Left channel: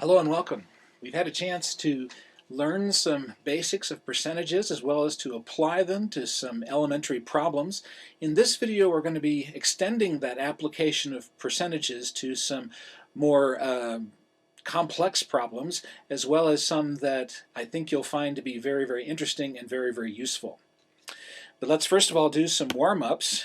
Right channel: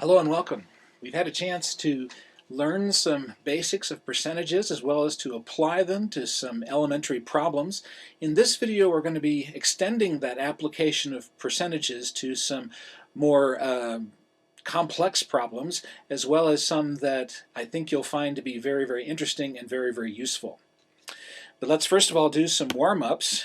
Hello and welcome. We've had a chance to learn some basics of percentages as well as to apply them to some elementary problems. In this video we're going to be extending that application of percentages to some more complex problems, as well as some that I think you'll find to be very interesting and very useful. But let's first of all do some warm-ups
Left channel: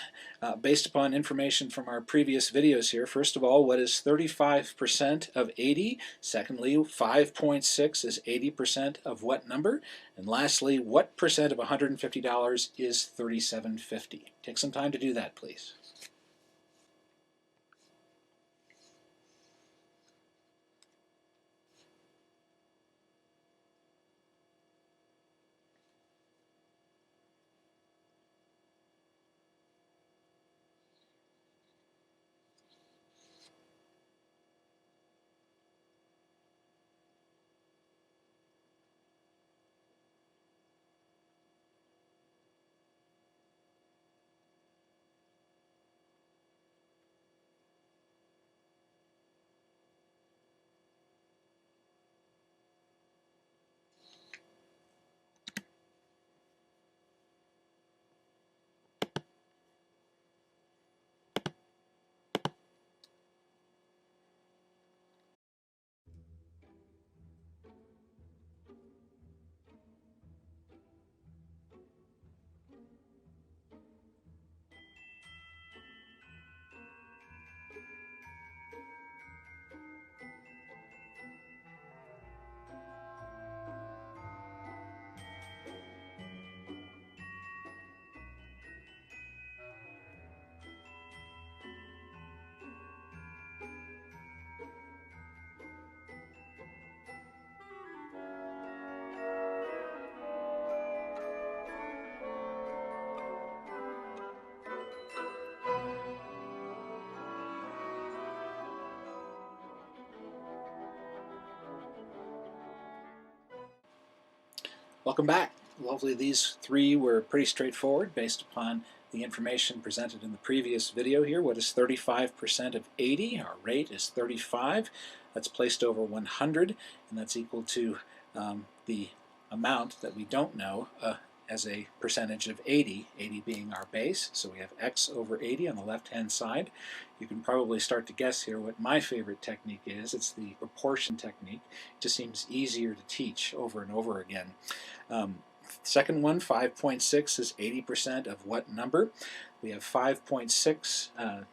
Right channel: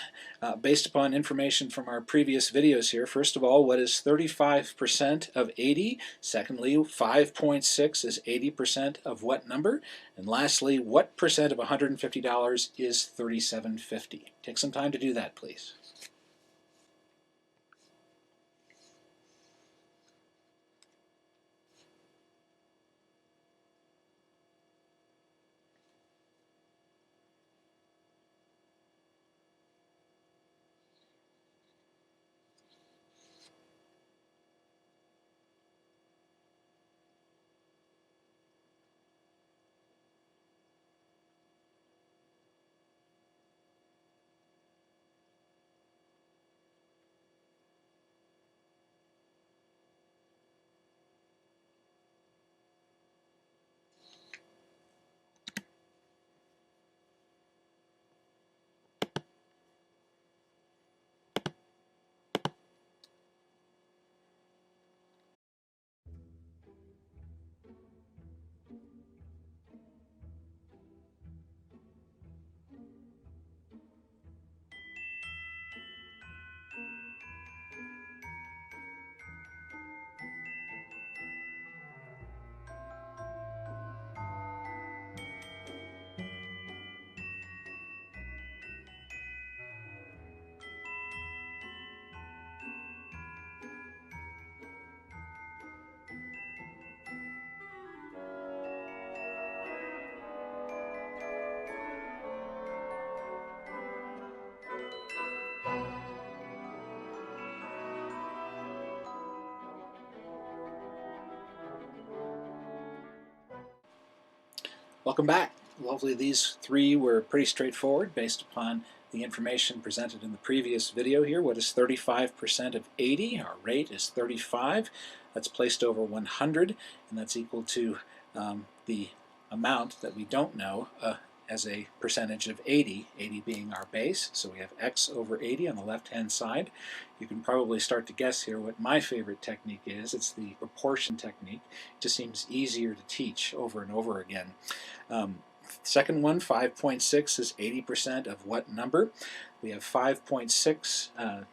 based upon information from our previous videos here. First of all, what is 35% of 80? Secondly, 5.6 is 80% of what number? And lastly, what percent of $150 is $37.50? Take some time to do that, please. Welcome back. Hopefully these three were pretty straightforward based upon the information presented in the previous video here. What is 35% of 80? Our rate is 35. That's placed over 100, and that's equal to the amount that we don't know as a percentage of 80, 80 being our base. So we have x over 80 on the left-hand side. You can probably start to guess here what my favorite technique is. It's the proportion technique. It just seems easier to teach over and over again. Second one, 5.6 is 80% of what number? We have 5.6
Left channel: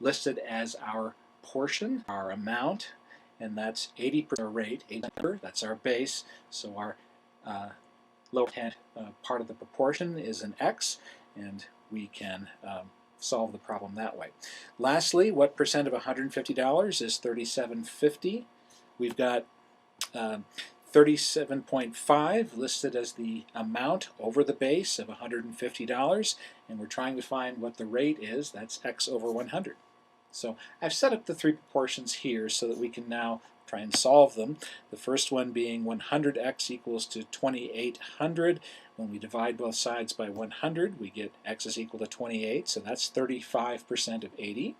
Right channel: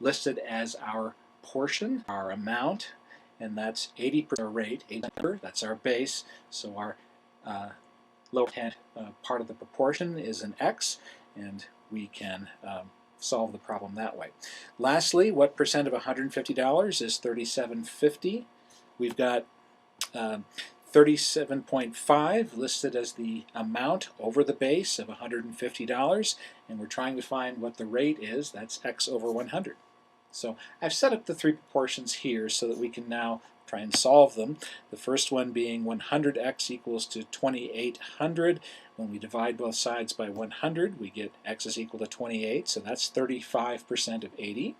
listed as our portion, our amount, and that's 80% rate, 80 number, that's our base. So our lower hand part of the proportion is an x, and we can solve the problem that way. Lastly, what percent of $150 is $37.50? We've got 37.5 listed as the amount over the base of $150, and we're trying to find what the rate is. That's x over 100. So I've set up the three proportions here so that we can now try and solve them. The first one being 100x equals to 2800. When we divide both sides by 100, we get x is equal to 28, so that's 35% of 80.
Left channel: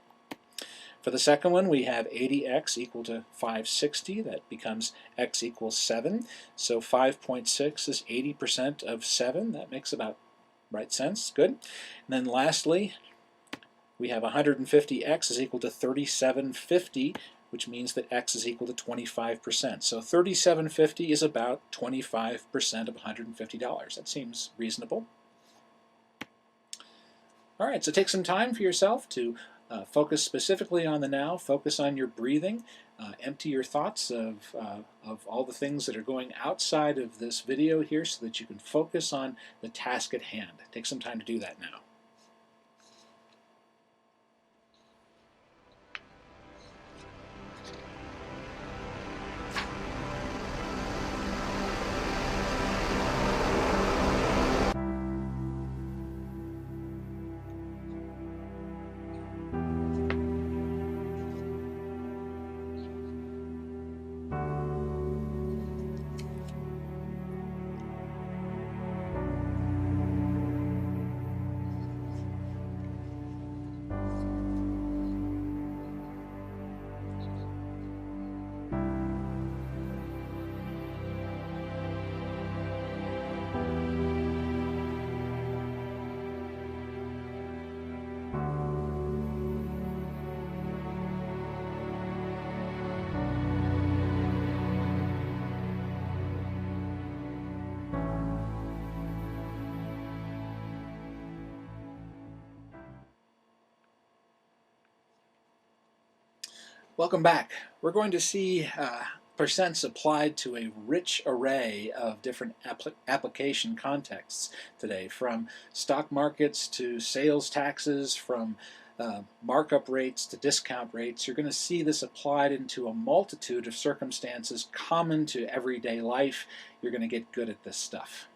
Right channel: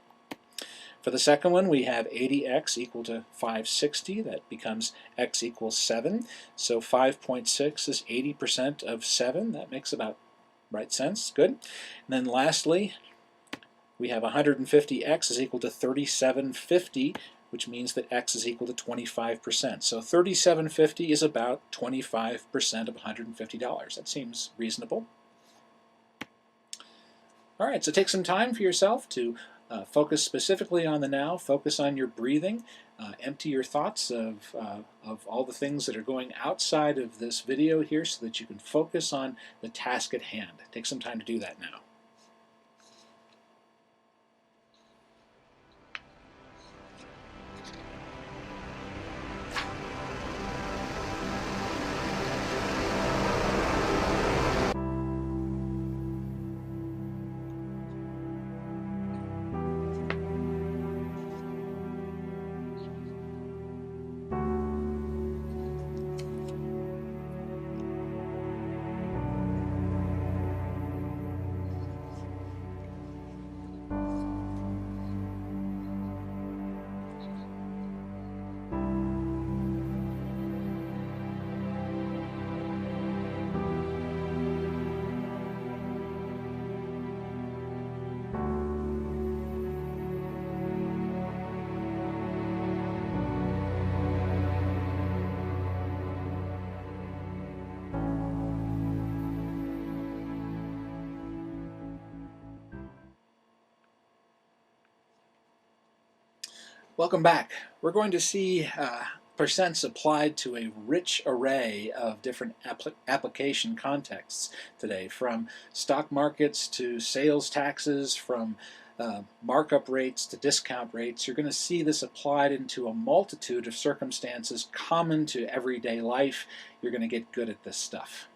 For the second one, we have 80x equal to 560. That becomes x equals 7. So 5.6 is 80% of 7. That makes about right sense. Good. And then lastly, we have 150x is equal to 3750, which means that x is equal to 25%. So 3750 is about 25% of $150. That seems reasonable. All right, so take some time for yourself to focus specifically on the now, focus on your breathing, empty your thoughts of all the things that are going outside of this video here so that you can focus on the task at hand. Take some time to do that now. Welcome back. We're going to see percents applied to a rich array of different application contexts today, from stock markets to sales taxes, from markup rates to discount rates. You're going to see this applied into a multitude of circumstances common to everyday life. You're going to get good at this stuff.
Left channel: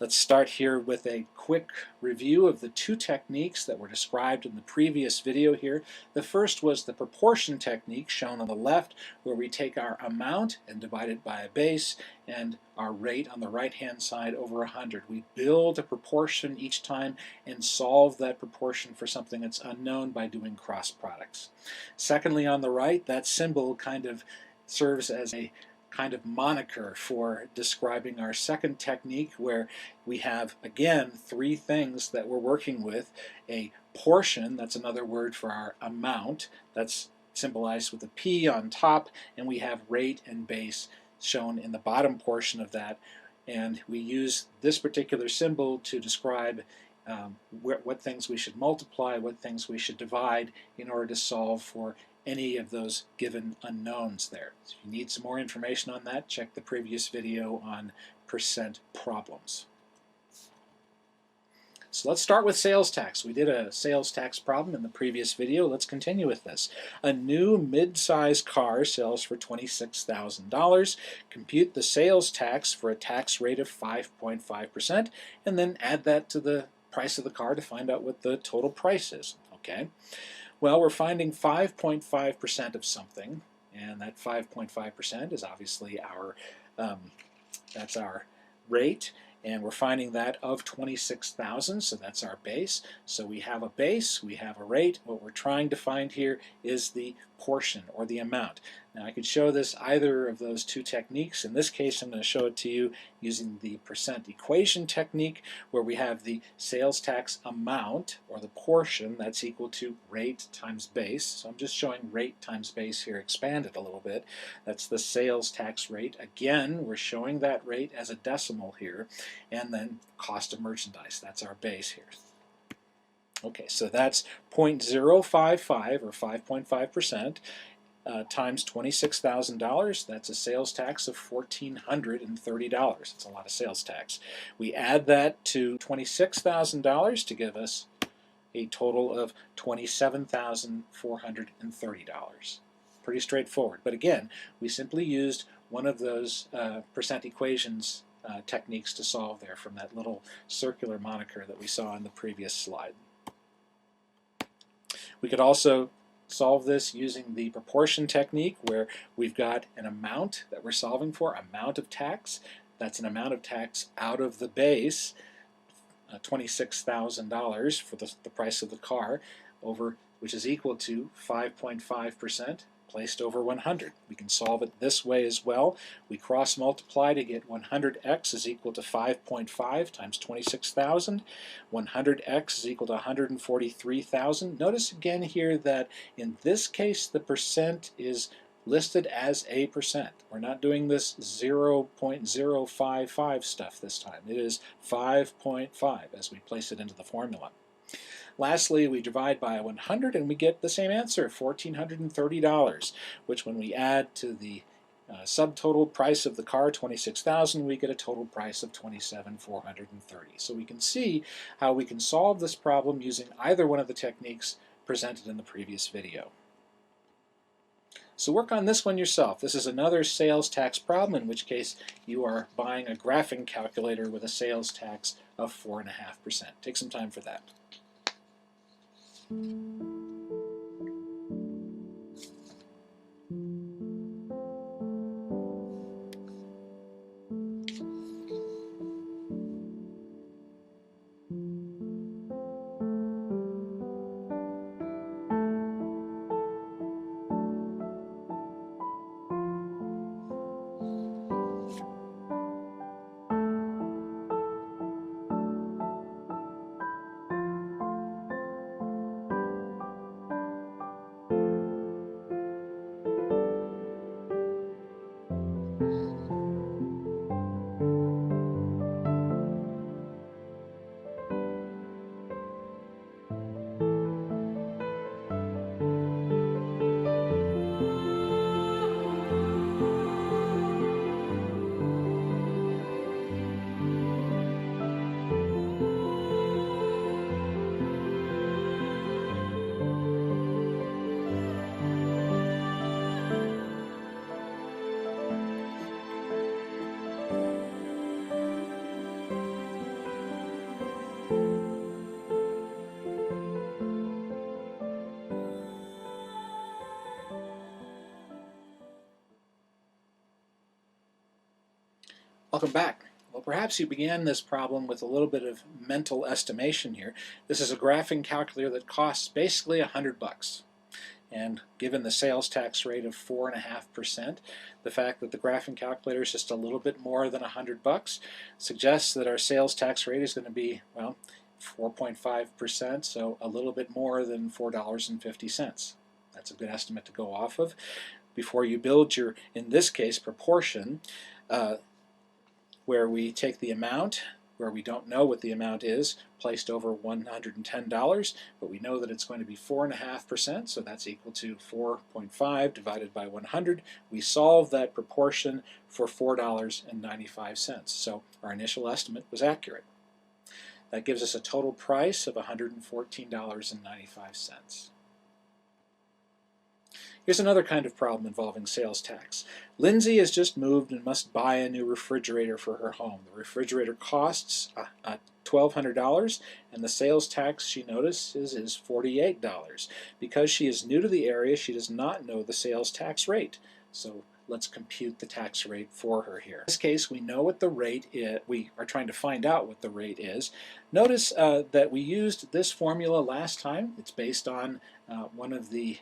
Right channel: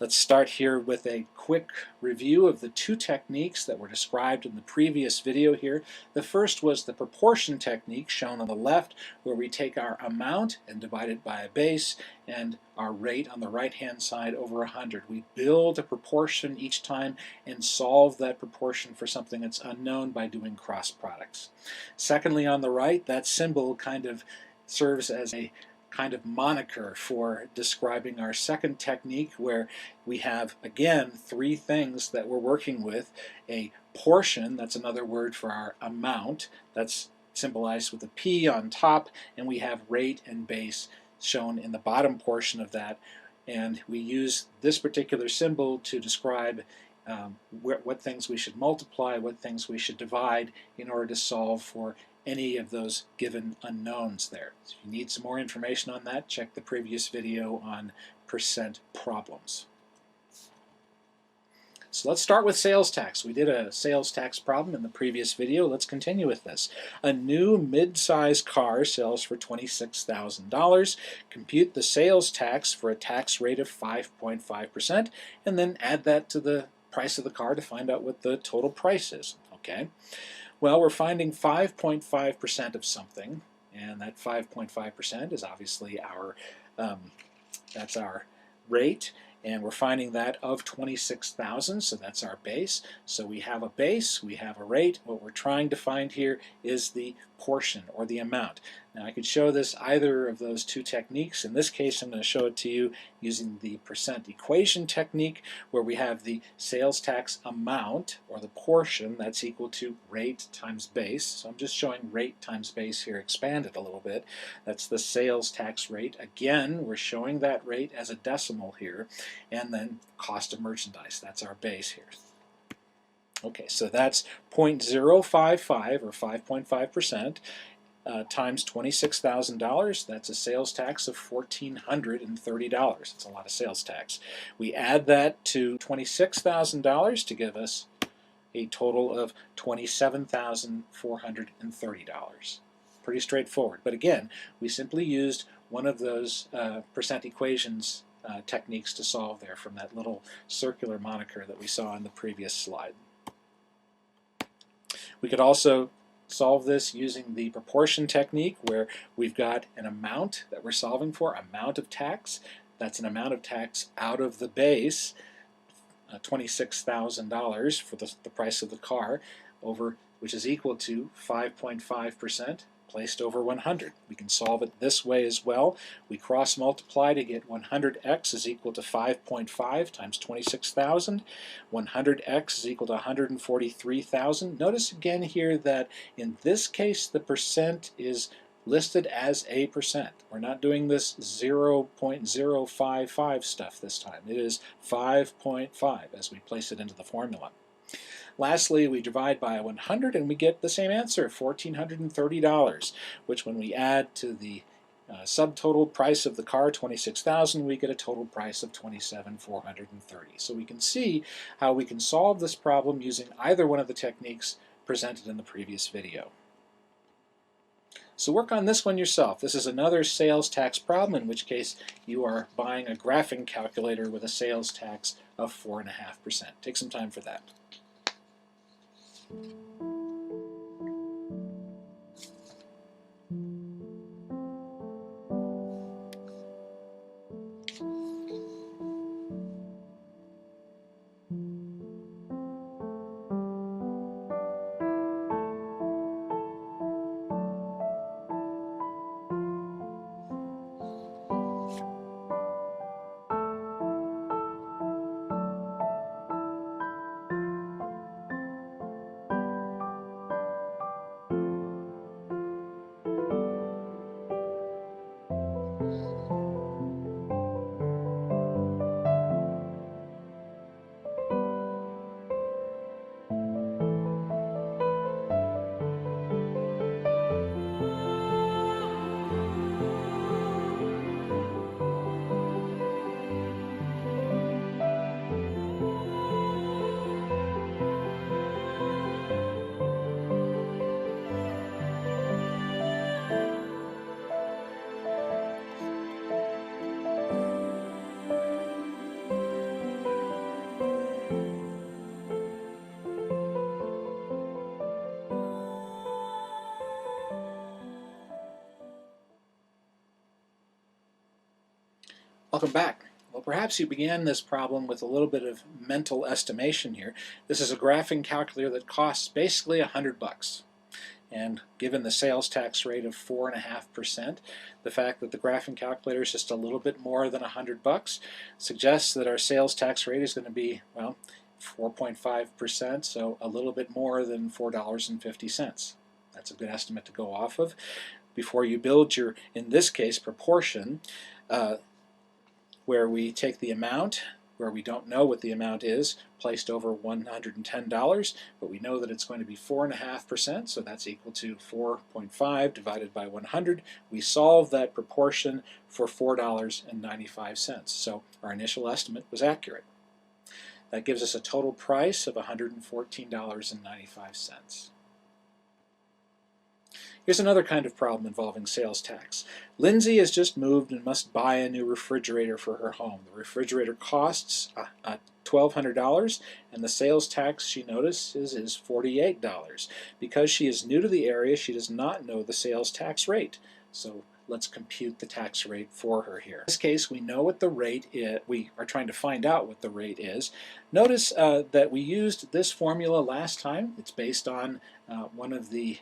Let's start here with a quick review of the two techniques that were described in the previous video here. The first was the proportion technique shown on the left, where we take our amount and divide it by a base, and our rate on the right-hand side over 100. We build a proportion each time and solve that proportion for something that's unknown by doing cross products. Secondly, on the right, that symbol kind of serves as a kind of moniker for describing our second technique, where we have, again, three things that we're working with. A portion, that's another word for our amount, that's symbolized with a P on top, and we have rate and base shown in the bottom portion of that. And we use this particular symbol to describe what things we should multiply, what things we should divide in order to solve for any of those given unknowns there. So if you need some more information on that, check the previous video on percent problems. So let's start with sales tax. We did a sales tax problem in the previous video. Let's continue with this. A new mid-size car sells for $26,000. Compute the sales tax for a tax rate of 5.5%, and then add that to the price of the car to find out what the total price is. Okay. Well, we're finding 5.5% of something, and that 5.5% is obviously our that's our rate, and we're finding that of 26,000, so that's our base. So we have a base, we have a rate. What we're trying to find here is the portion, or the amount. Now I could show this either of those two techniques. In this case, I'm going to show it to you using the percent equation technique, where we have the sales tax amount, or the portion, that's equal to rate times base. So I'm just showing rate times base here expanded a little bit. That's the sales tax rate. Again, we're showing that rate as a decimal here, and then cost of merchandise, that's our base here. Okay, so that's 0.055, or 5.5%, times $26,000. That's a sales tax of $1,430. That's a lot of sales tax. We add that to $26,000 to give us a total of $27,430. Pretty straightforward. But again, we simply used one of those percent equations techniques to solve there from that little circular moniker that we saw in the previous slide. We could also solve this using the proportion technique, where we've got an amount that we're solving for, amount of tax. That's an amount of tax out of the base, $26,000 for the price of the car, over, which is equal to 5.5% placed over 100. We can solve it this way as well. We cross multiply to get 100x is equal to 5.5 times 26,000. 100x is equal to 143,000. Notice again here that in this case the percent is listed as a percent. We're not doing this 0.055 stuff this time. It is 5.5 as we place it into the formula. Lastly, we divide by 100 and we get the same answer, $1,430, which when we add to the subtotal price of the car, $26,000, we get a total price of $27,430. So we can see how we can solve this problem using either one of the techniques presented in the previous video. So work on this one yourself. This is another sales tax problem, in which case you are buying a graphing calculator with a sales tax of 4.5%. Take some time for that. Welcome back. Well, perhaps you began this problem with a little bit of mental estimation here. This is a graphing calculator that costs basically $100. And given the sales tax rate of 4.5%, the fact that the graphing calculator is just a little bit more than $100 suggests that our sales tax rate is going to be, well, 4.5%, so a little bit more than $4.50. That's a good estimate to go off of. Before you build your, in this case, proportion, where we take the amount, where we don't know what the amount is, placed over $110, but we know that it's going to be 4.5%, so that's equal to 4.5 divided by 100. We solve that proportion for $4.95, so our initial estimate was accurate. That gives us a total price of $114.95. Here's another kind of problem involving sales tax. Lindsay has just moved and must buy a new refrigerator for her home. The refrigerator costs $1,200, and the sales tax, she notices, is $48. Because she is new to the area, she does not know the sales tax rate. So let's compute the tax rate for her here. In this case, we know what the rate is. We are trying to find out what the rate is. Notice that we used this formula last time. It's based on one of the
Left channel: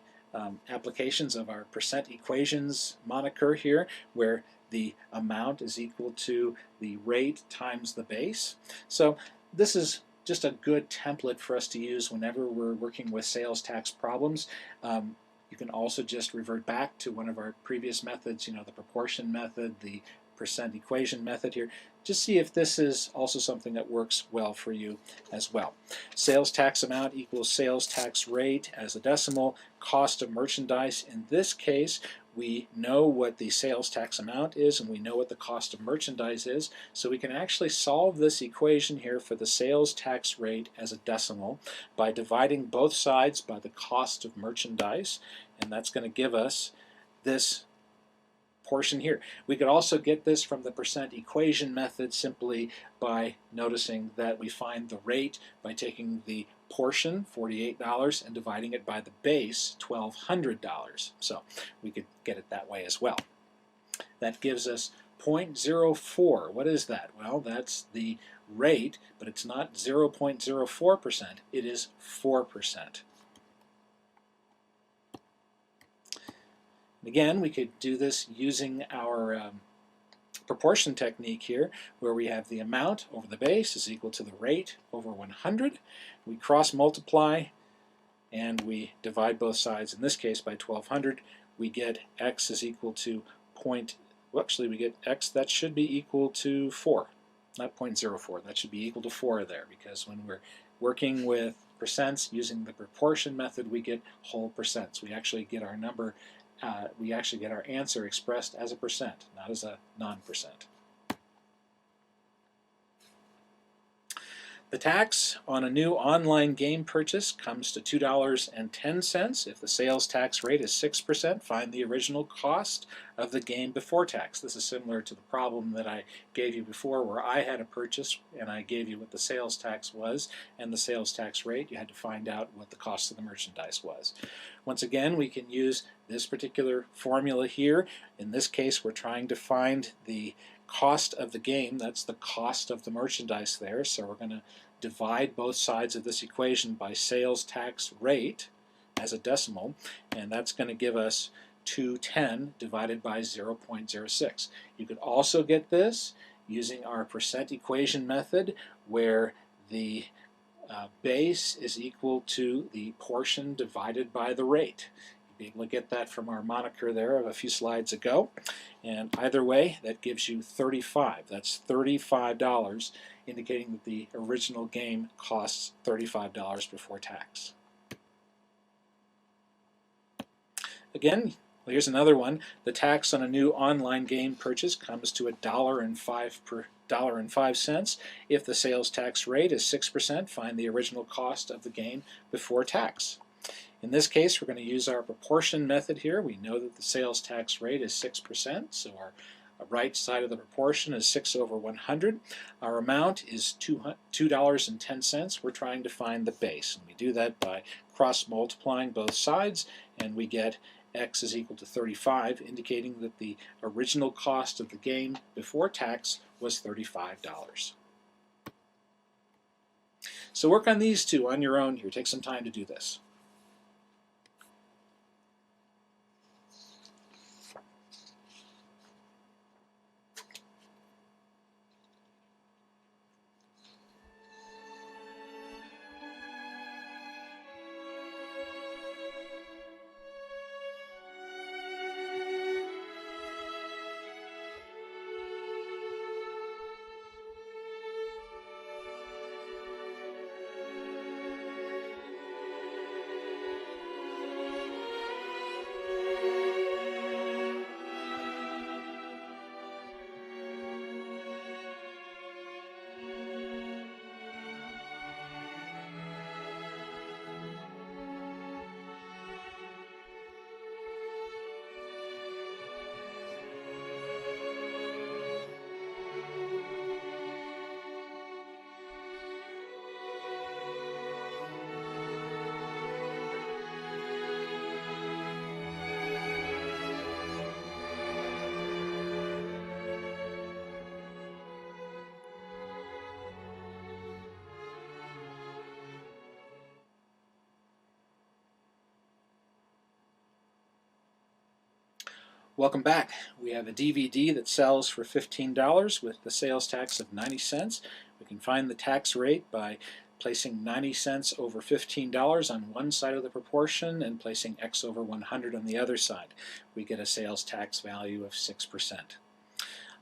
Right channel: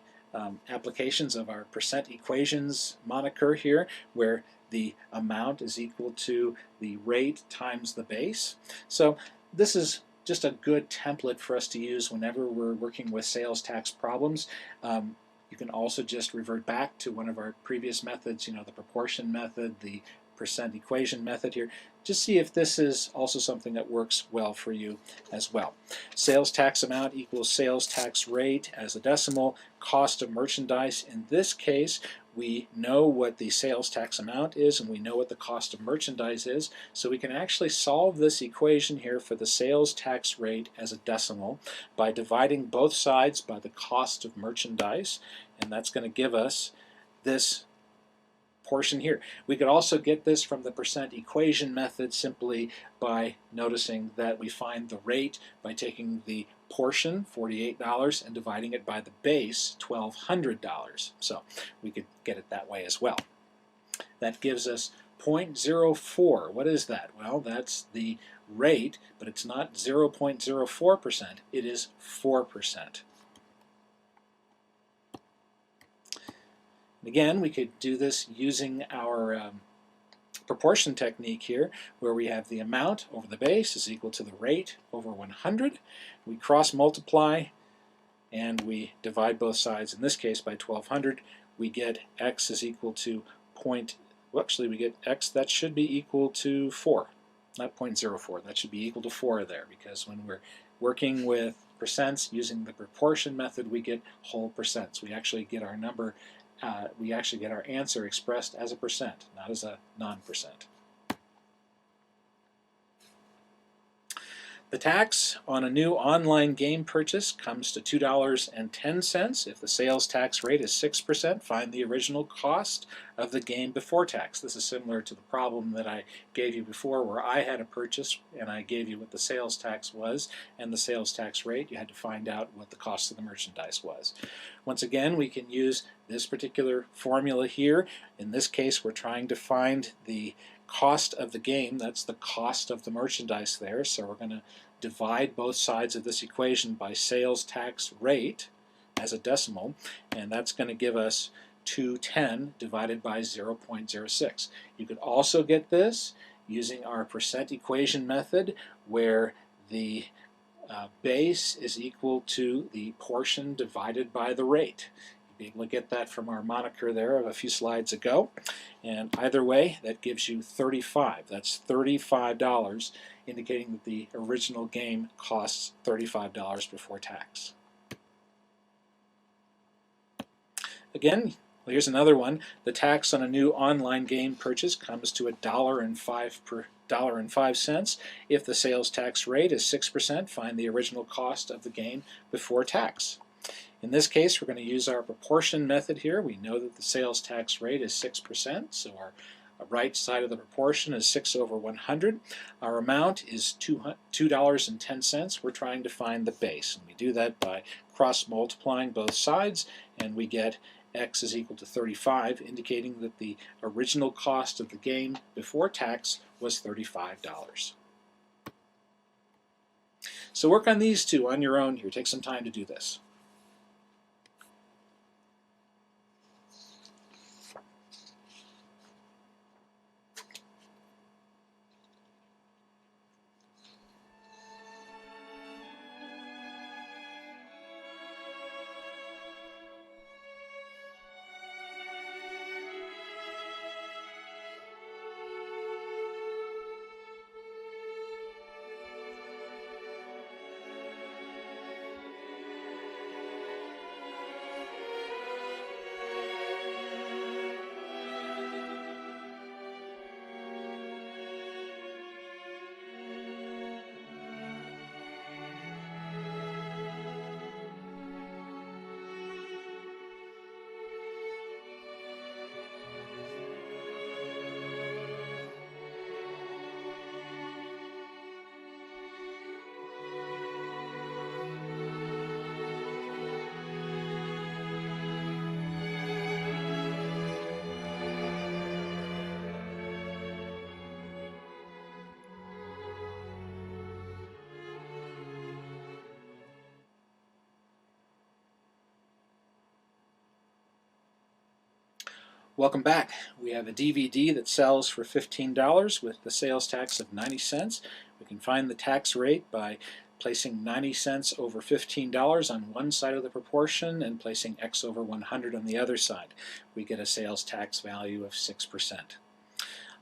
applications of our percent equations moniker here, where the amount is equal to the rate times the base. So this is just a good template for us to use whenever we're working with sales tax problems. You can also just revert back to one of our previous methods, the proportion method, the percent equation method here. Just see if this is also something that works well for you as well. Sales tax amount equals sales tax rate as a decimal, cost of merchandise. In this case, we know what the sales tax amount is and we know what the cost of merchandise is, so we can actually solve this equation here for the sales tax rate as a decimal by dividing both sides by the cost of merchandise, and that's going to give us this portion here. We could also get this from the percent equation method simply by noticing that we find the rate by taking the portion, $48, and dividing it by the base, $1,200. So we could get it that way as well. That gives us 0.04. What is that? Well, that's the rate, but it's not 0.04%, it is 4%. Again, we could do this using our proportion technique here, where we have the amount over the base is equal to the rate over 100. We cross multiply and we divide both sides, in this case by 1200. We get x is equal to we get x that should be equal to 4, not 0.04. That should be equal to 4 there, because when we're working with percents using the proportion method, we get whole percents. We actually get our number we actually get our answer expressed as a percent, not as a non-percent. The tax on a new online game purchase comes to $2.10. If the sales tax rate is 6%, find the original cost of the game before tax. This is similar to the problem that I gave you before, where I had a purchase and I gave you what the sales tax was and the sales tax rate. You had to find out what the cost of the merchandise was. Once again, we can use this particular formula here. In this case, we're trying to find the cost of the game. That's the cost of the merchandise there. So we're going to divide both sides of this equation by sales tax rate as a decimal, and that's going to give us 210 divided by 0.06. You could also get this using our percent equation method, where the base is equal to the portion divided by the rate. You'll be able to get that from our moniker there of a few slides ago. And either way, that gives you 35. That's $35, indicating that the original game costs $35 before tax. Again, well, here's another one. The tax on a new online game purchase comes to $1.05. If the sales tax rate is 6%, find the original cost of the game before tax. In this case, we're going to use our proportion method here. We know that the sales tax rate is 6%, so our right side of the proportion is 6 over 100. Our amount is $2.10. We're trying to find the base, and we do that by cross-multiplying both sides, and we get x is equal to 35, indicating that the original cost of the game before tax was $35. So work on these two on your own here. Take some time to do this. Welcome back. We have a DVD that sells for $15 with the sales tax of 90 cents. We can find the tax rate by placing 90 cents over $15 on one side of the proportion and placing X over 100 on the other side. We get a sales tax value of 6%.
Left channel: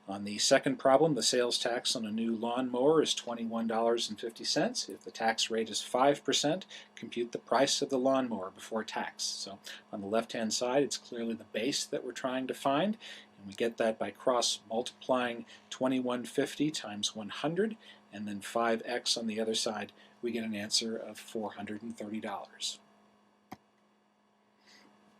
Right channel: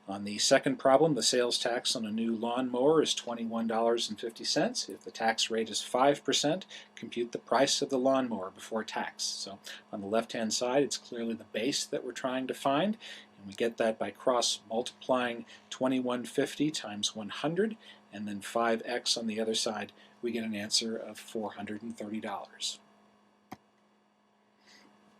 On the second problem, the sales tax on a new lawnmower is $21.50. If the tax rate is 5%, compute the price of the lawnmower before tax. So on the left-hand side, it's clearly the base that we're trying to find, and we get that by cross-multiplying $21.50 times 100, and then 5x on the other side. We get an answer of $430.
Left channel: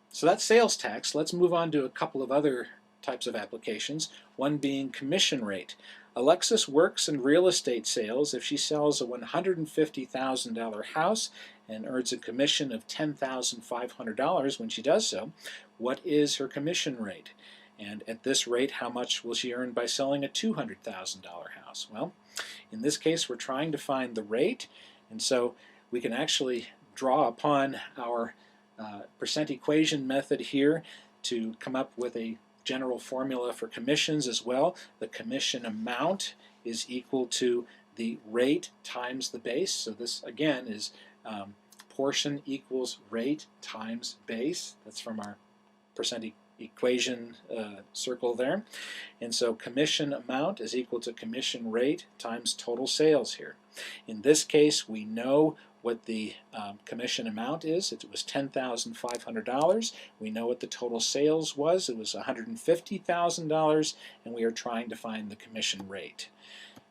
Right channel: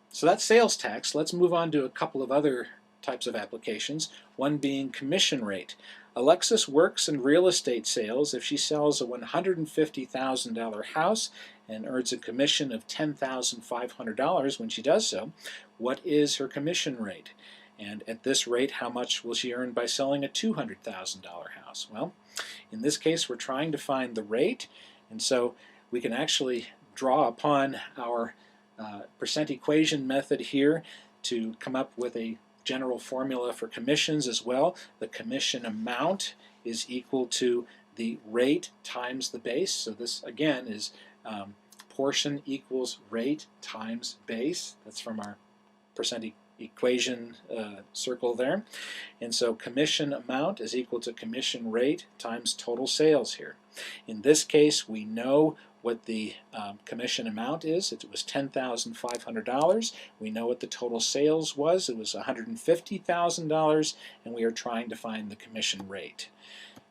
So that's sales tax. Let's move on to a couple of other types of applications, one being commission rate. Alexis works in real estate sales if she sells a $150,000 house and earns a commission of $10,500 when she does so. What is her commission rate? And at this rate, how much will she earn by selling a $200,000 house? Well, in this case, we're trying to find the rate, and so we can actually draw upon our percent equation method here to come up with a general formula for commissions as well. The commission amount is equal to the rate times the base. So this again is portion equals rate times base. That's from our percent equation circle there. And so commission amount is equal to commission rate times total sales here. In this case, we know what the commission amount is. It was $10,500. We know what the total sales was. It was $150,000, and we are trying to find the commission rate.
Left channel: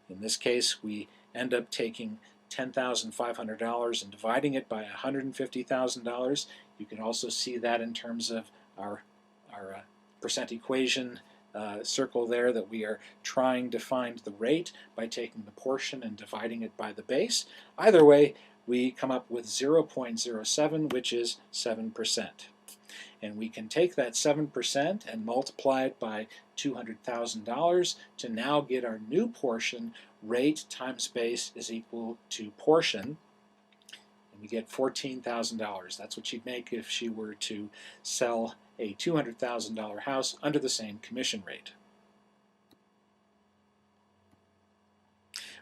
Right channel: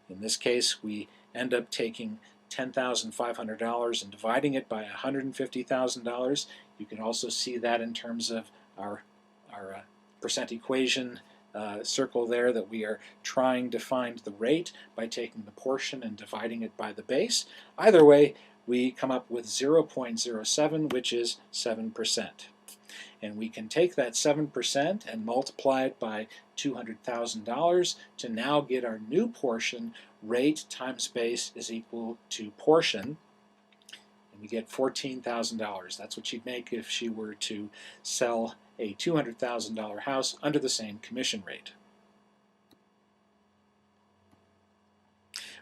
In this case, we end up taking $10,500 and dividing it by $150,000. You can also see that in terms of our percent equation circle there, that we are trying to find the rate by taking the portion and dividing it by the base. Either way, we come up with 0.07, which is 7%. And we can take that 7% and multiply it by $200,000 to now get our new portion. Rate times base is equal to portion, and we get $14,000. That's what she'd make if she were to sell a $200,000 house under the same commission rate.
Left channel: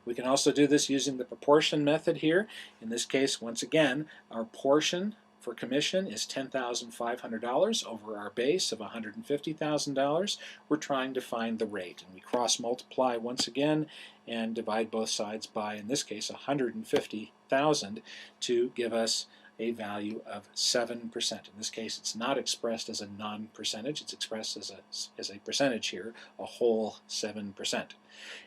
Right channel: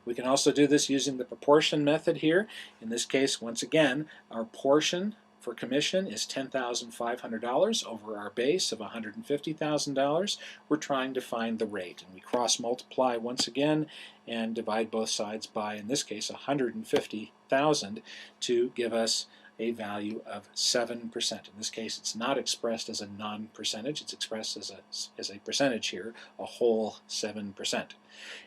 We can also do this using the proportion method here. In this case, once again, our portion for commission is $10,500 over our base of $150,000. We're trying to find the rate, and we cross-multiply once again and divide both sides by, in this case, $150,000 to give us a value of 7%. In this case, it's not expressed as a non-percentage, it's expressed as a percentage here, a whole 7%.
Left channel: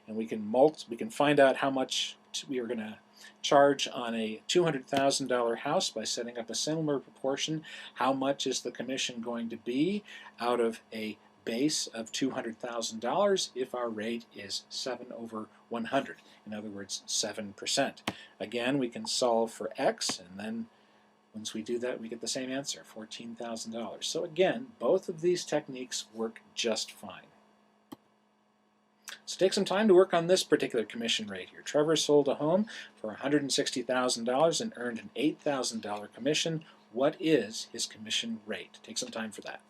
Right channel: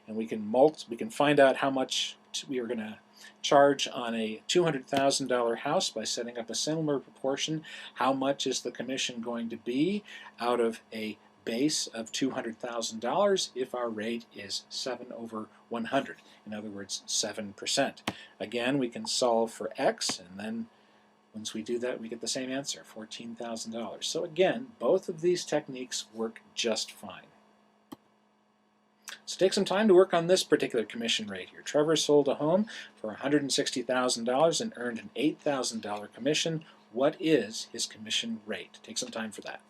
And we can find out how much we are going to charge on a $200,000 house by setting up a similar proportion. How much is the commission going to be out of a base of $200,000 if our rate is 7 over 100? In other words, 7%. Again, we can solve for x, and then once we do that, we get the same answer, $14,000. So again, both of these techniques work just fine. So take some time to work on this particular commission rate here. Trevor sold a home for $160,000 and earned an $8,000 commission. What is his commission rate? Take some time for that.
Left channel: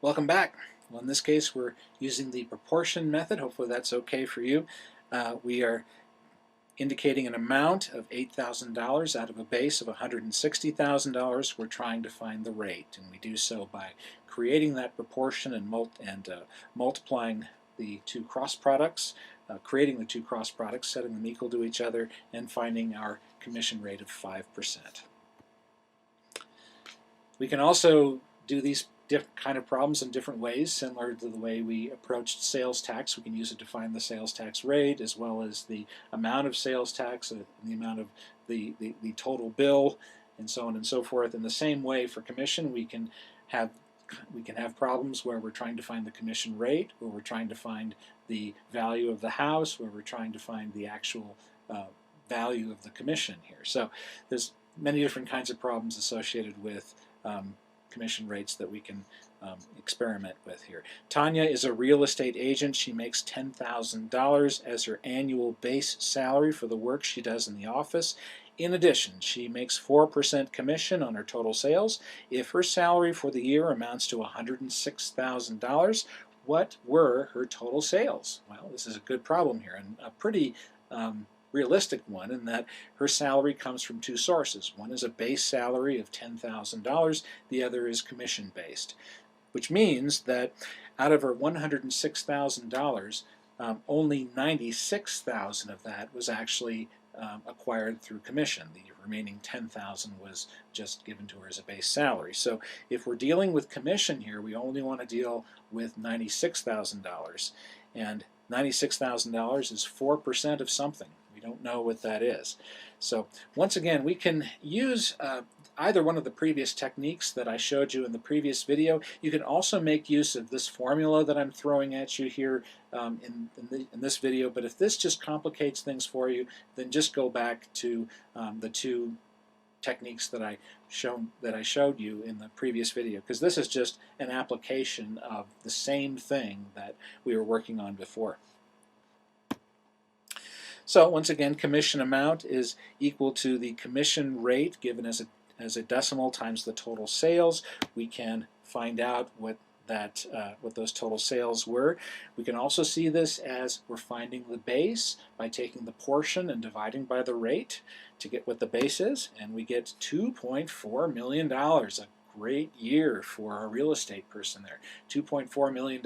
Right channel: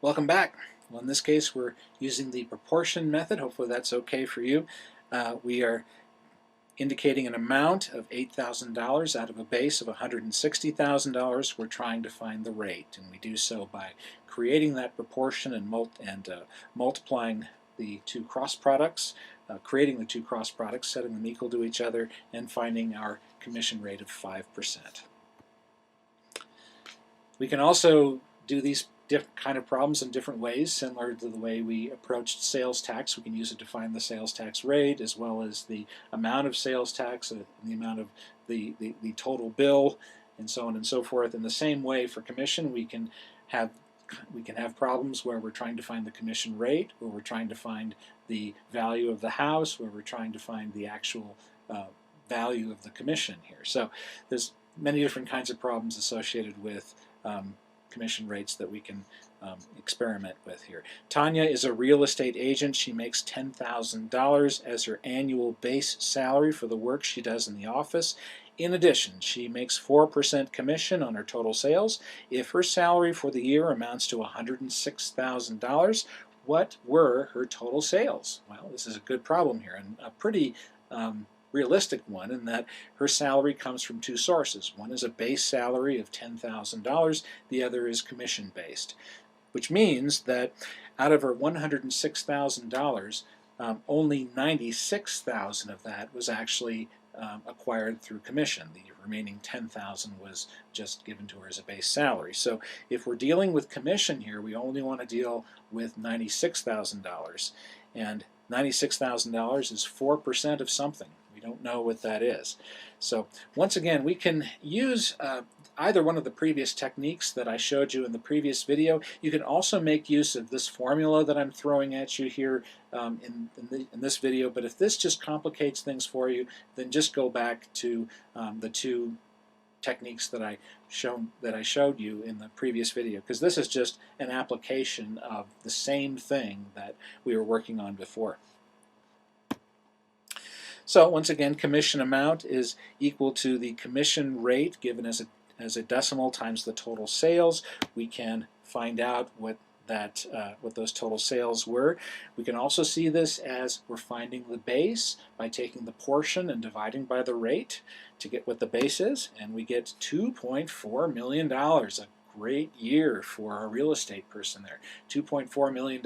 Welcome back. Well, in this case, we're using the proportion method. Hopefully that's okay for you. We are indicating an amount of $8,000 out of a base of $160,000. We're trying to find the rate, and we do so by creating that proportion and multiplying the two cross products, creating the two cross products, setting them equal to each other, and finding our commission rate of 5%. We can also do these kind of problems in different ways, similar to the way we approached sales tax. We can use it to find the sales tax rate, as well as the amount of sales tax, the amount of the total bill, and so on and so forth. In the same way for commission, we can have problems where we're trying to find the commission rate, where we're trying to find the value of the house, where we're trying to find the actual value of the commission here. So there's many different kinds of problems associated with commission rates that we can experiment with here. Tanya is a real estate agent. She makes $10,000 as her annual base salary for the work she does in the office. In addition, she makes 4% commission on her total sales. If her salary for the year amounts to $106,000, what were her total sales? Well, this is a good problem here, and a pretty realistic one, in that her salary comes from two sources. One is a base salary of $10,000, the other is commission based, which means that out of her $106,000, only $96,000 of that was actually acquired through commission. The remaining $10,000 was just given to her as a base salary. So if we're dealing with commission here, we only want to deal with $96,000, and $96,000 is 4% of something. We don't know what that is. So once again, we can use either one of the previous techniques that I showed you in the previous video. You can also make use of this formula that I'm throwing at you here in this video, but if this just complicates things for you, then just go back to the two techniques that I showed you in the previous video, because this is just an application of the same thing that we were working on before. So once again, commission amount is equal to the commission rate given as a decimal times the total sales. We can find out what those total sales were. We can also see this as we're finding the base by taking the portion and dividing by the rate to get what the base is, and we get $2.4 million. A great year for a real estate person there. $2.4 million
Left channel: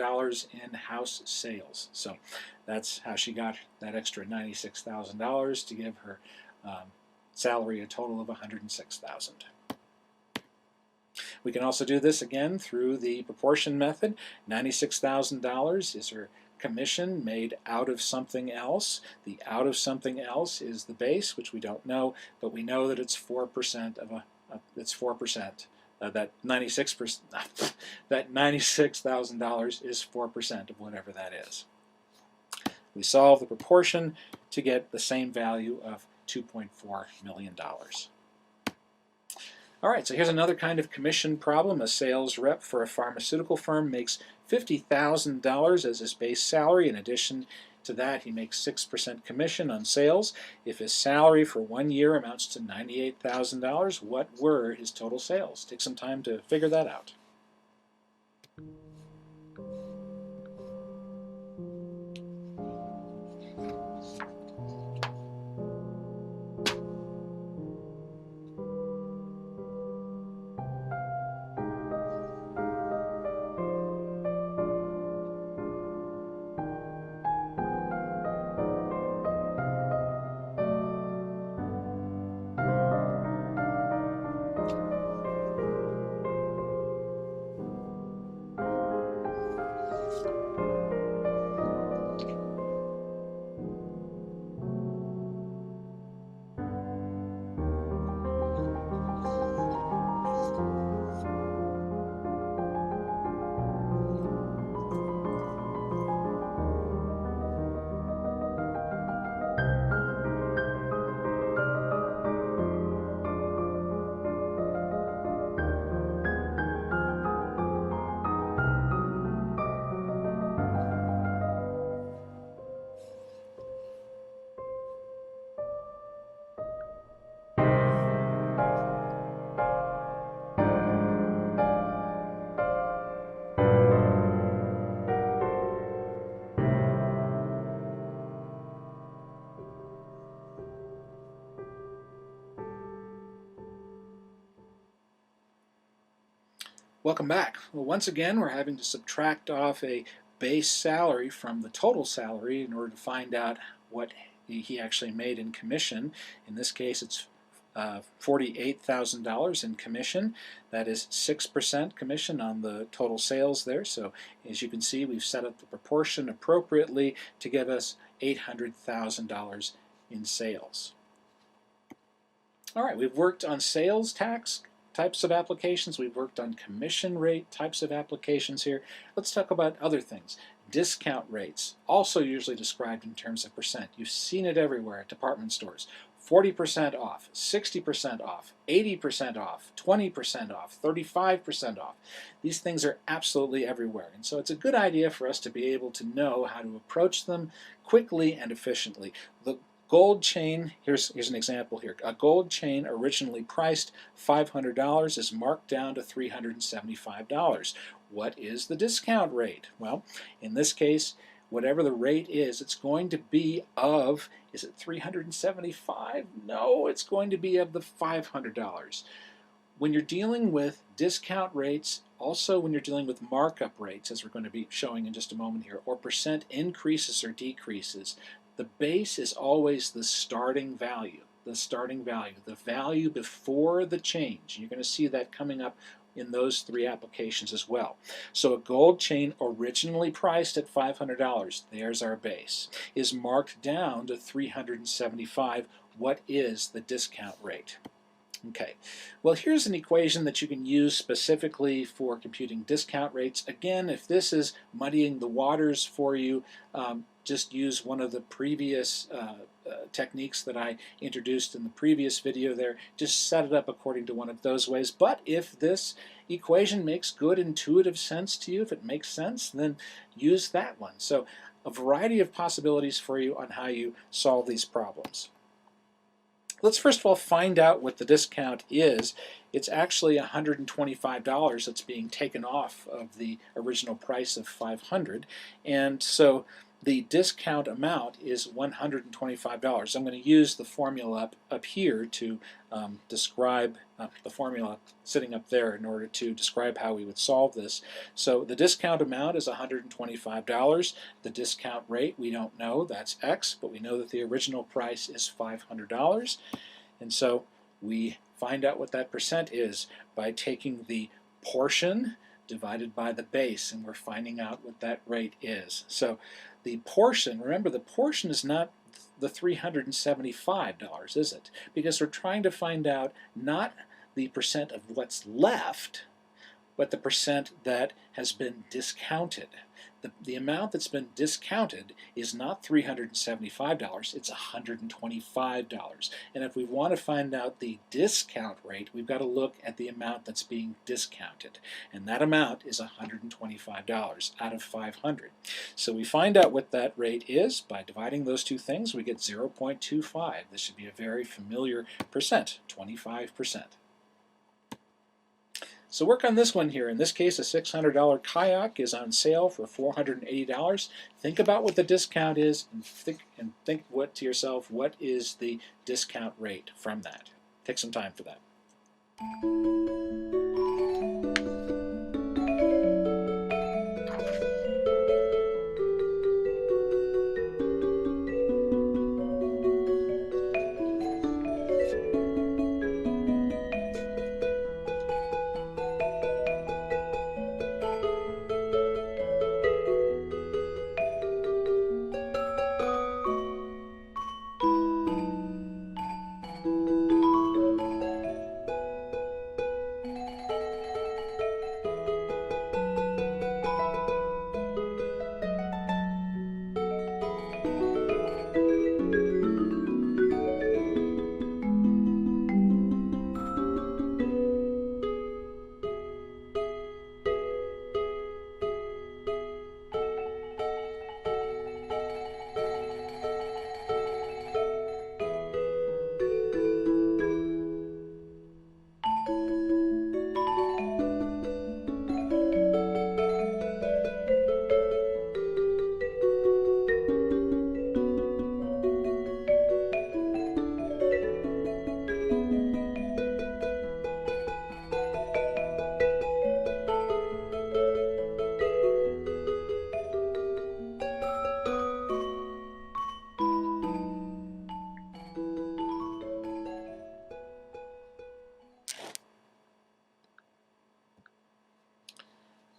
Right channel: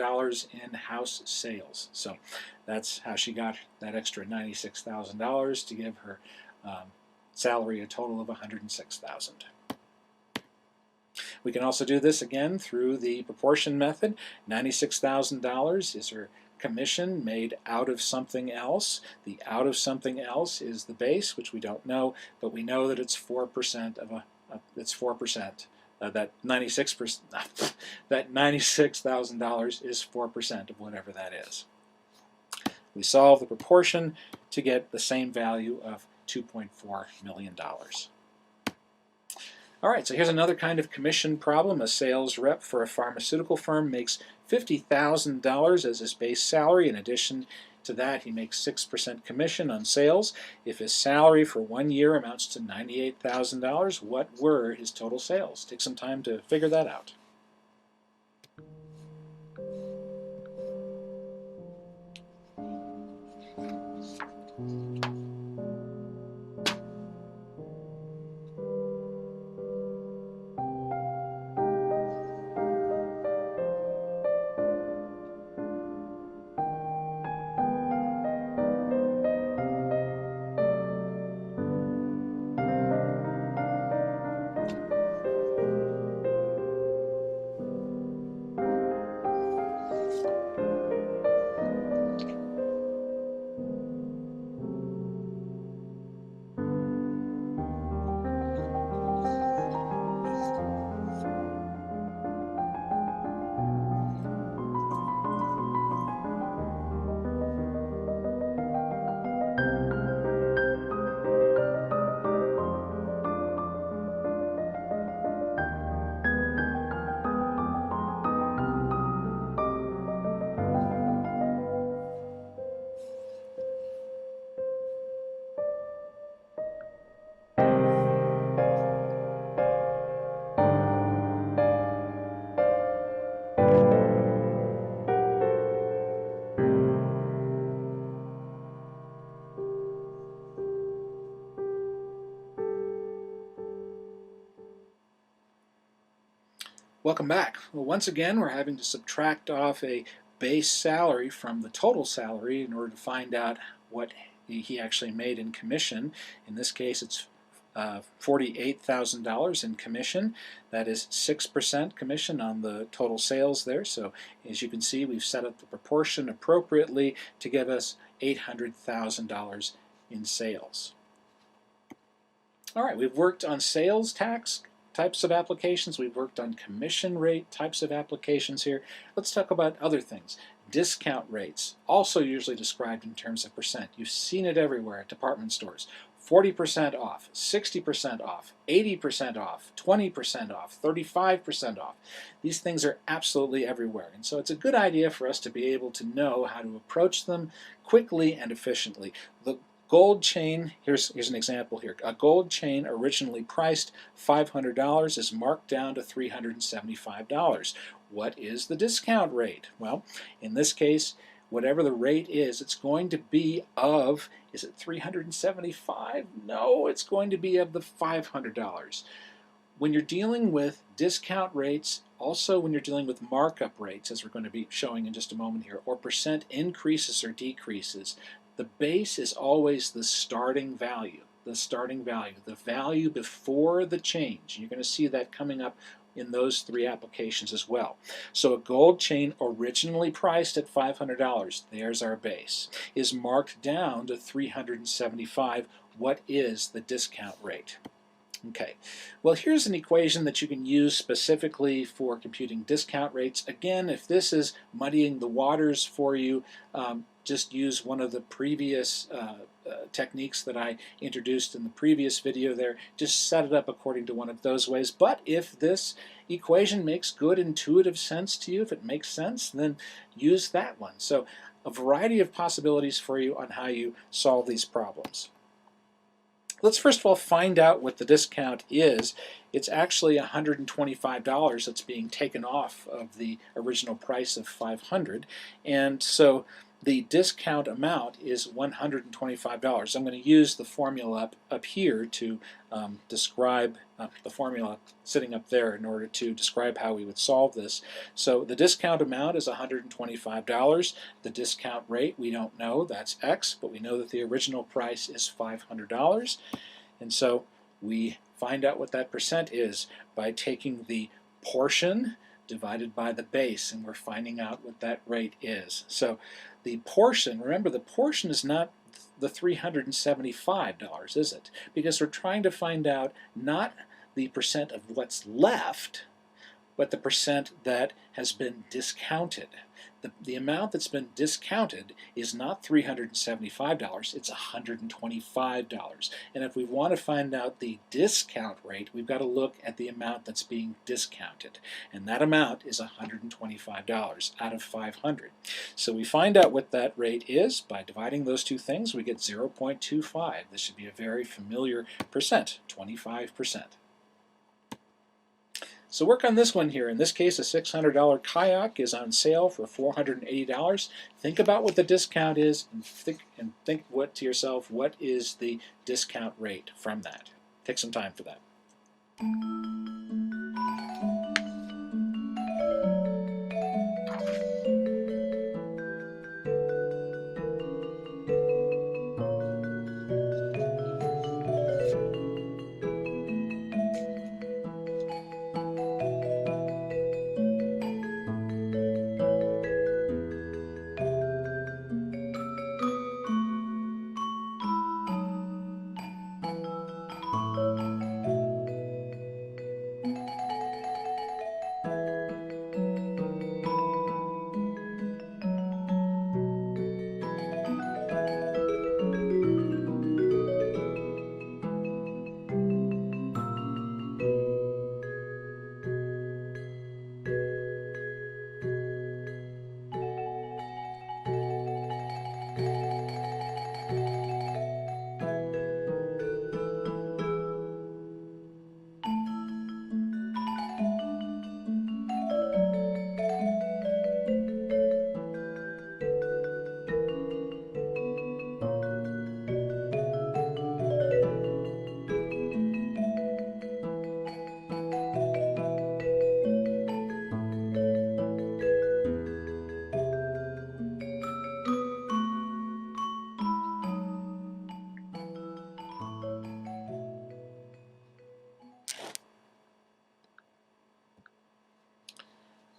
in house sales. So that's how she got that extra $96,000 to give her salary a total of $106,000. We can also do this again through the proportion method. $96,000 is her commission made out of something else. The out of something else is the base, which we don't know, but we know that it's 4% of it's 4%. That $96,000 is 4% of whatever that is. We solve the proportion to get the same value of $2.4 million. All right, so here's another kind of commission problem. A sales rep for a pharmaceutical firm makes $50,000 as his base salary. In addition to that, he makes 6% commission on sales. If his salary for 1 year amounts to $98,000, what were his total sales? Take some time to figure that out. Welcome back. Well, once again, we're having to subtract off a base salary from the total salary in order to find out what he actually made in commission. In this case, it's $48,000 in commission. That is 6% commission on the total sales there. So as you can see, we've set up the proportion appropriately to give us $800,000 in sales. All right, we've worked on sales tax types of applications. We've worked on commission rate types of applications here. Let's talk about other things. Discount rates, also usually described in terms of percent. You've seen it everywhere at department stores. 40% off, 60% off, 80% off, 20% off, 35% off. These things are absolutely everywhere. And so it's a good idea for us to be able to know how to approach them quickly and efficiently. The gold chain, here's an example here. A gold chain originally priced $500 is marked down to $375. What is the discount rate? Well, in this case, whatever the rate is, it's going to be of, is it $375? No, it's going to be of the $500. When you're dealing with discount rates, also when you're dealing with markup rates, as we're going to be showing in just a moment here, or percent increases or decreases, the base is always the starting value, the value before the change. You're going to see that coming up in those three applications as well. So a gold chain originally priced at $500, there's our base, is marked down to $375. What is the discount rate? Okay, well, here's an equation that you can use specifically for computing discount rates. Again, if this is muddying the waters for you, just use one of the previous techniques that I introduced in the previous video there. Just set it up according to one of those ways. But if this equation makes good intuitive sense to you, if it makes sense, then use that one. So a variety of possibilities for you on how you solve these problems. Let's first of all find out what the discount is. It's actually $125 that's being taken off of the original price of $500, and so the discount amount is $125. I'm going to use the formula up here to describe the formula sitting up there in order to describe how we would solve this. So the discount amount is $125. The discount rate, we don't know, that's X, but we know that the original price is $500. And so we find out what that percent is by taking the portion divided by the base, and we're finding out what that rate is. So the portion, remember, the portion is not the $375, is it? Because we're trying to find out not the percent of what's left, but the percent that has been discounted. The amount that's been discounted is not $375, it's $125. And if we want to find out the discount rate, we've got to look at the amount that's being discounted. And that amount is $125 out of 500. So we find out what that rate is by dividing those two things. We get 0.25. This should be a very familiar percent, 25%. So work on this one here. In this case, a $600 kayak is on sale for $480. Think about what the discount is and think what to yourself, what is the discount rate from that? Take some time for that.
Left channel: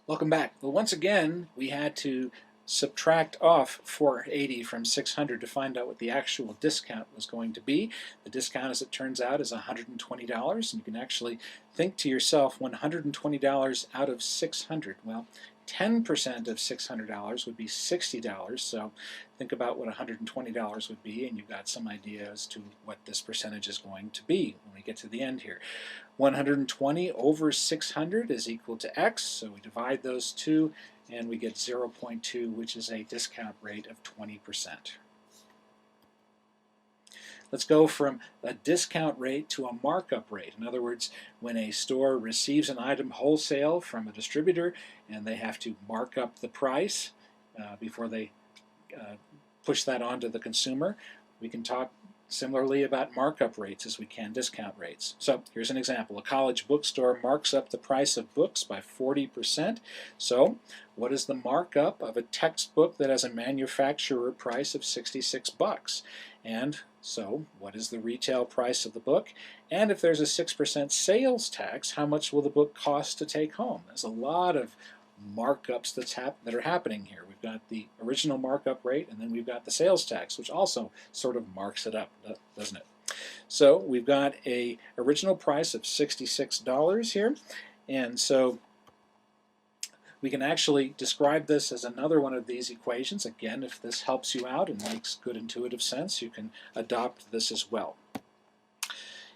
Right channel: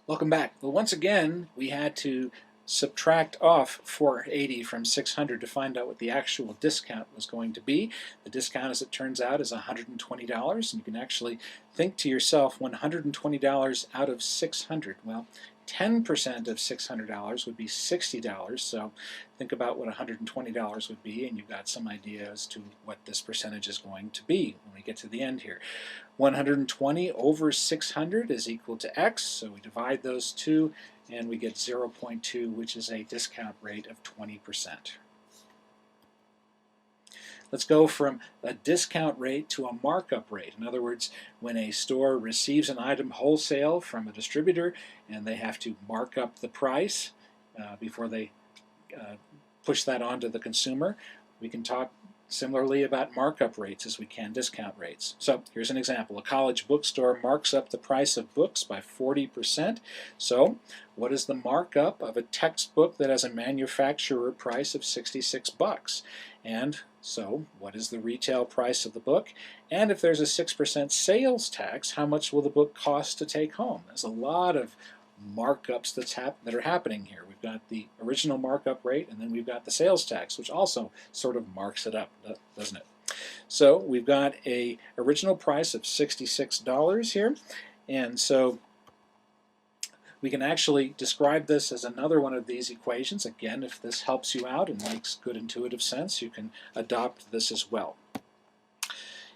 Welcome back. Well, once again, we had to subtract off 480 from 600 to find out what the actual discount was going to be. The discount, as it turns out, is $120, and you can actually think to yourself, $120 out of 600. Well, 10% of $600 would be $60, so think about what $120 would be, and you've got some idea as to what this percentage is going to be when we get to the end here. 120 over 600 is equal to X, so we divide those two, and we get 0.2, which is a discount rate of 20%. Let's go from a discount rate to a markup rate. In other words, when a store receives an item wholesale from a distributor and they have to mark up the price before they push that on to the consumer, we can talk similarly about markup rates as we can discount rates. So here's an example. A college bookstore marks up the price of books by 40%. So what is the markup of a textbook that has a manufacturer price of 66 bucks? And so what is the retail price of the book? And if there's a 6% sales tax, how much will the book cost to take home? There's a lot of markups that are happening here. We've got the original markup rate, and then we've got the sales tax, which also sort of marks it up, doesn't it? So we've got a original price of $66 here, and so we can actually describe this as another one of these equations. Again, if this helps you out and makes good intuitive sense, you can adopt this as well.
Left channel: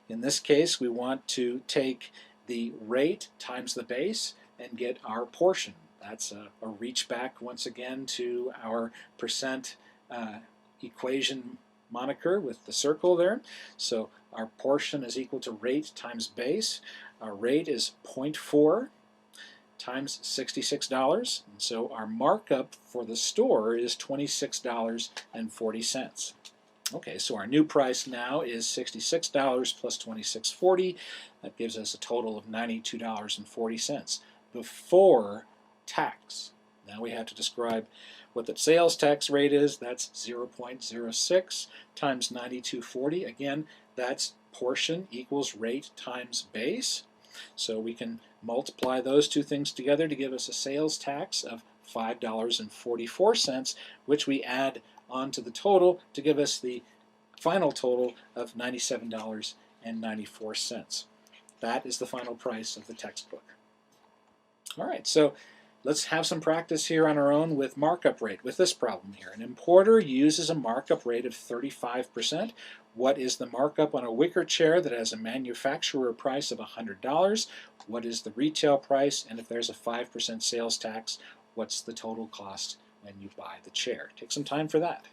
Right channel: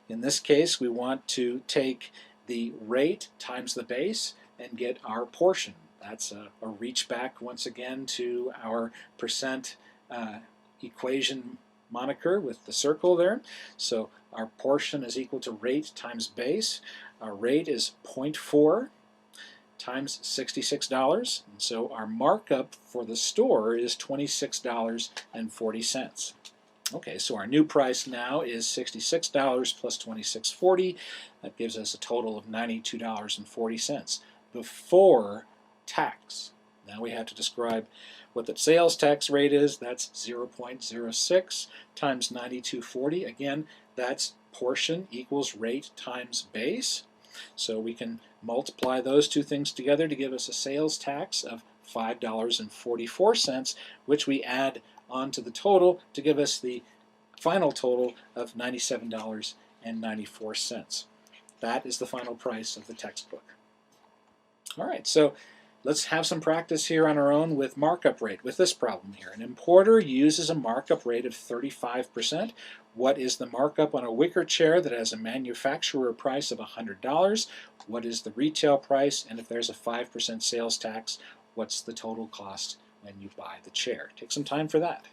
In this case, we want to take the rate times the base and get our portion. That's a reach back once again to our percent equation moniker with the circle there. So our portion is equal to rate times base. Our rate is 0.4 times $66, and so our markup for the store is $26.40. Okay, so our new price now is $66 plus $26.40. That gives us a total of $92.40 before tax. Now we have to describe what the sales tax rate is. That's 0.06 times $92.40. Again, that's portion equals rate times base. So we can multiply those two things together to give us a sales tax of $5.44, which we add onto the total to give us the final total of $97.94. That is the final price of the textbook. All right, so let's have some practice here on our own with markup rate with this problem here. An importer uses a markup rate of 35%. What is the markup on a wicker chair that has a manufacturer price of $100? What is the retail price? And if there's a 5% sales tax, what's the total cost when you buy the chair? Take some time for that.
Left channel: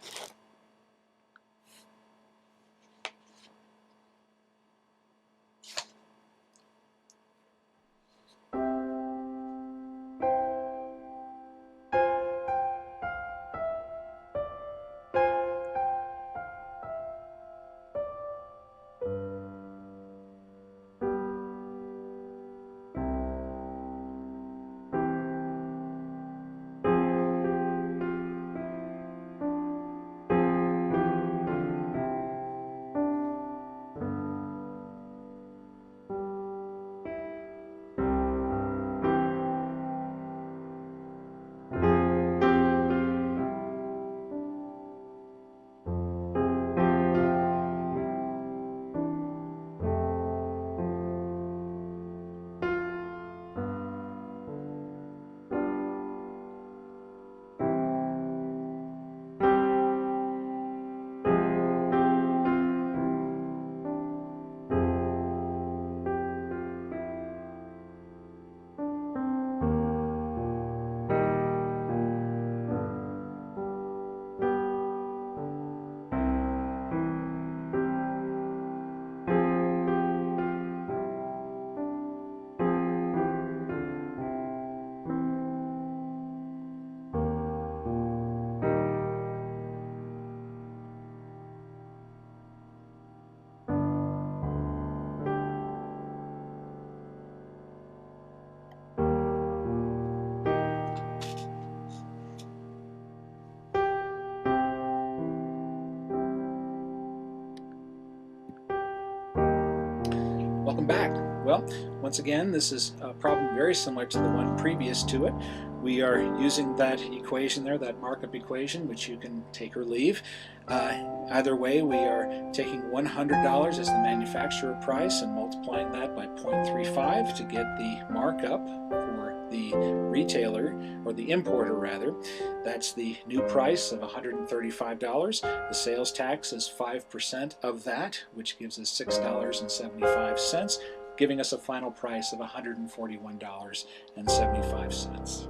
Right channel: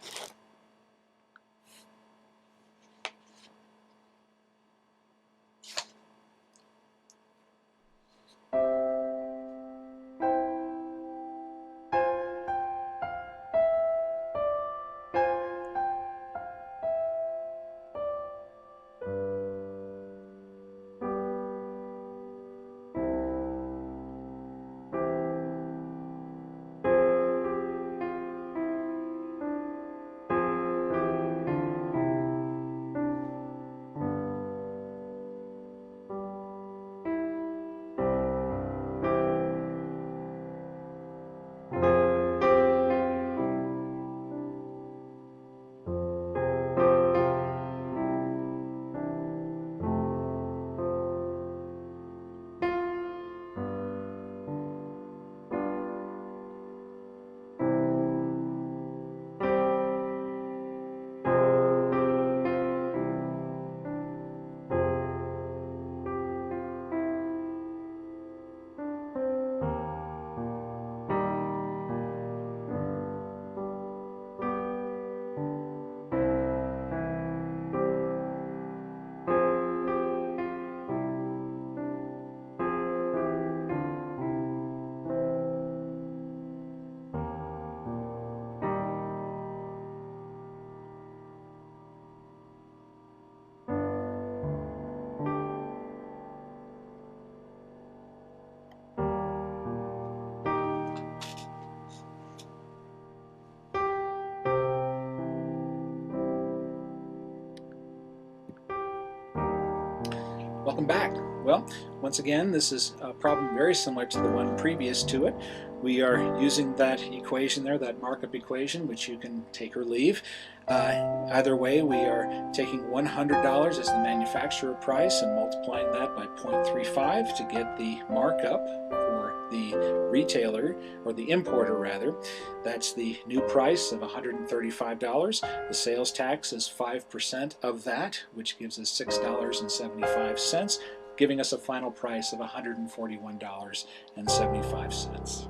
Welcome back. Well, once again, this is a problem very similar to the one previous to it. We are using that equation there, that markup equation, which you can take or leave. Either way, we are taking $100 as the manufacturer price and multiplying that by 0.35 to get the markup for the retailer, or the importer rather. That's the new price of $135. The sales tax is 5% of that, which gives us $6.75, giving us a final price of $141.75.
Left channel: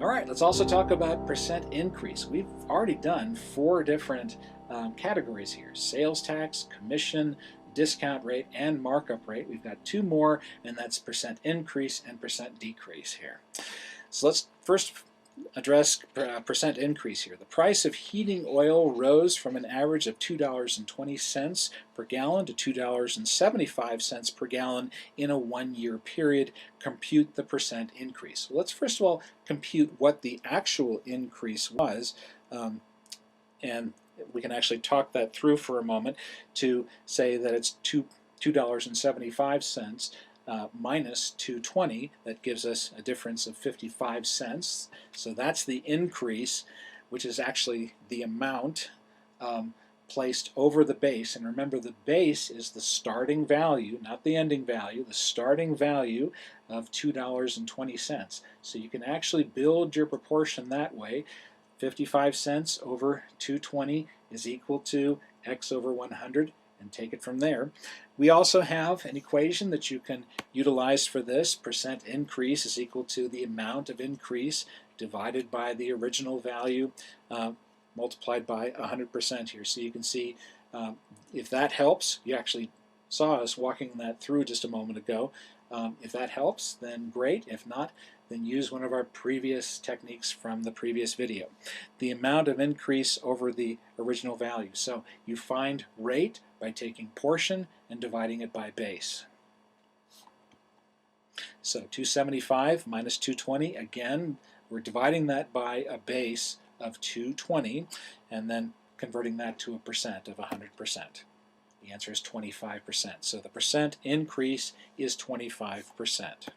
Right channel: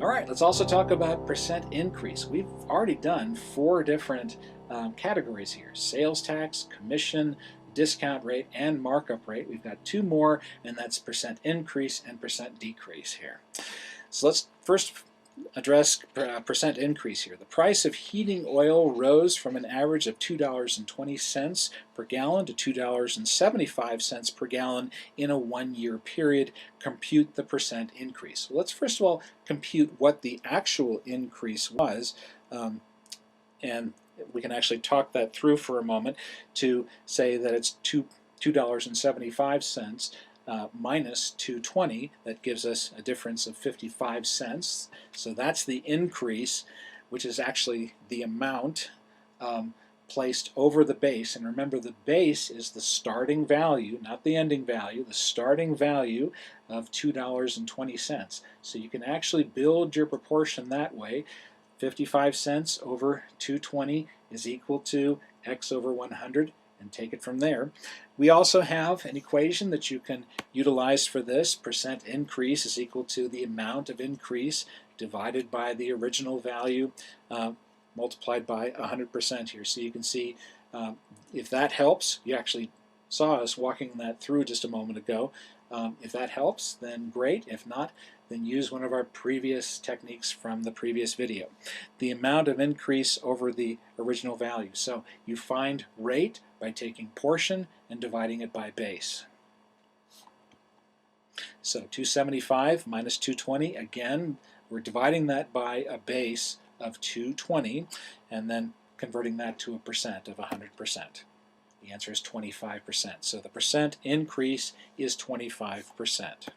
All right, let's also talk about percent increase. We've already done 4 different categories here: sales tax, commission, discount rate, and markup rate. We've got 2 more, and that's percent increase and percent decrease here. So let's first address percent increase here. The price of heating oil rose from an average of $2.20 per gallon to $2.75 per gallon in a 1-year period. Compute the percent increase. Well, let's first of all compute what the actual increase was, and we can actually talk that through for a moment to say that it's $2.75 minus 220. That gives us a difference of 55 cents. So that's the increase, which is actually the amount placed over the base. And remember, the base is the starting value, not the ending value, the starting value of $2.20. So you can actually build your proportion that way. 55 cents over 220 is equal to x over 100, and take it from there. We also have an equation that you can utilize for this. Percent increase is equal to the amount of increase divided by the original value multiplied by 100% here. So you can see if that helps. You actually saw us walking that through just a moment ago. If that helps, then great. If not, then use one of our previous techniques from the previous video. The amount of increase over the original value. So you find rate by taking portion and dividing it by base. So 275 minus 220, again, we're dividing that by a base of 220 and then converting that to a percent of 100%. The answer is 25%. So the percent increase is 25%.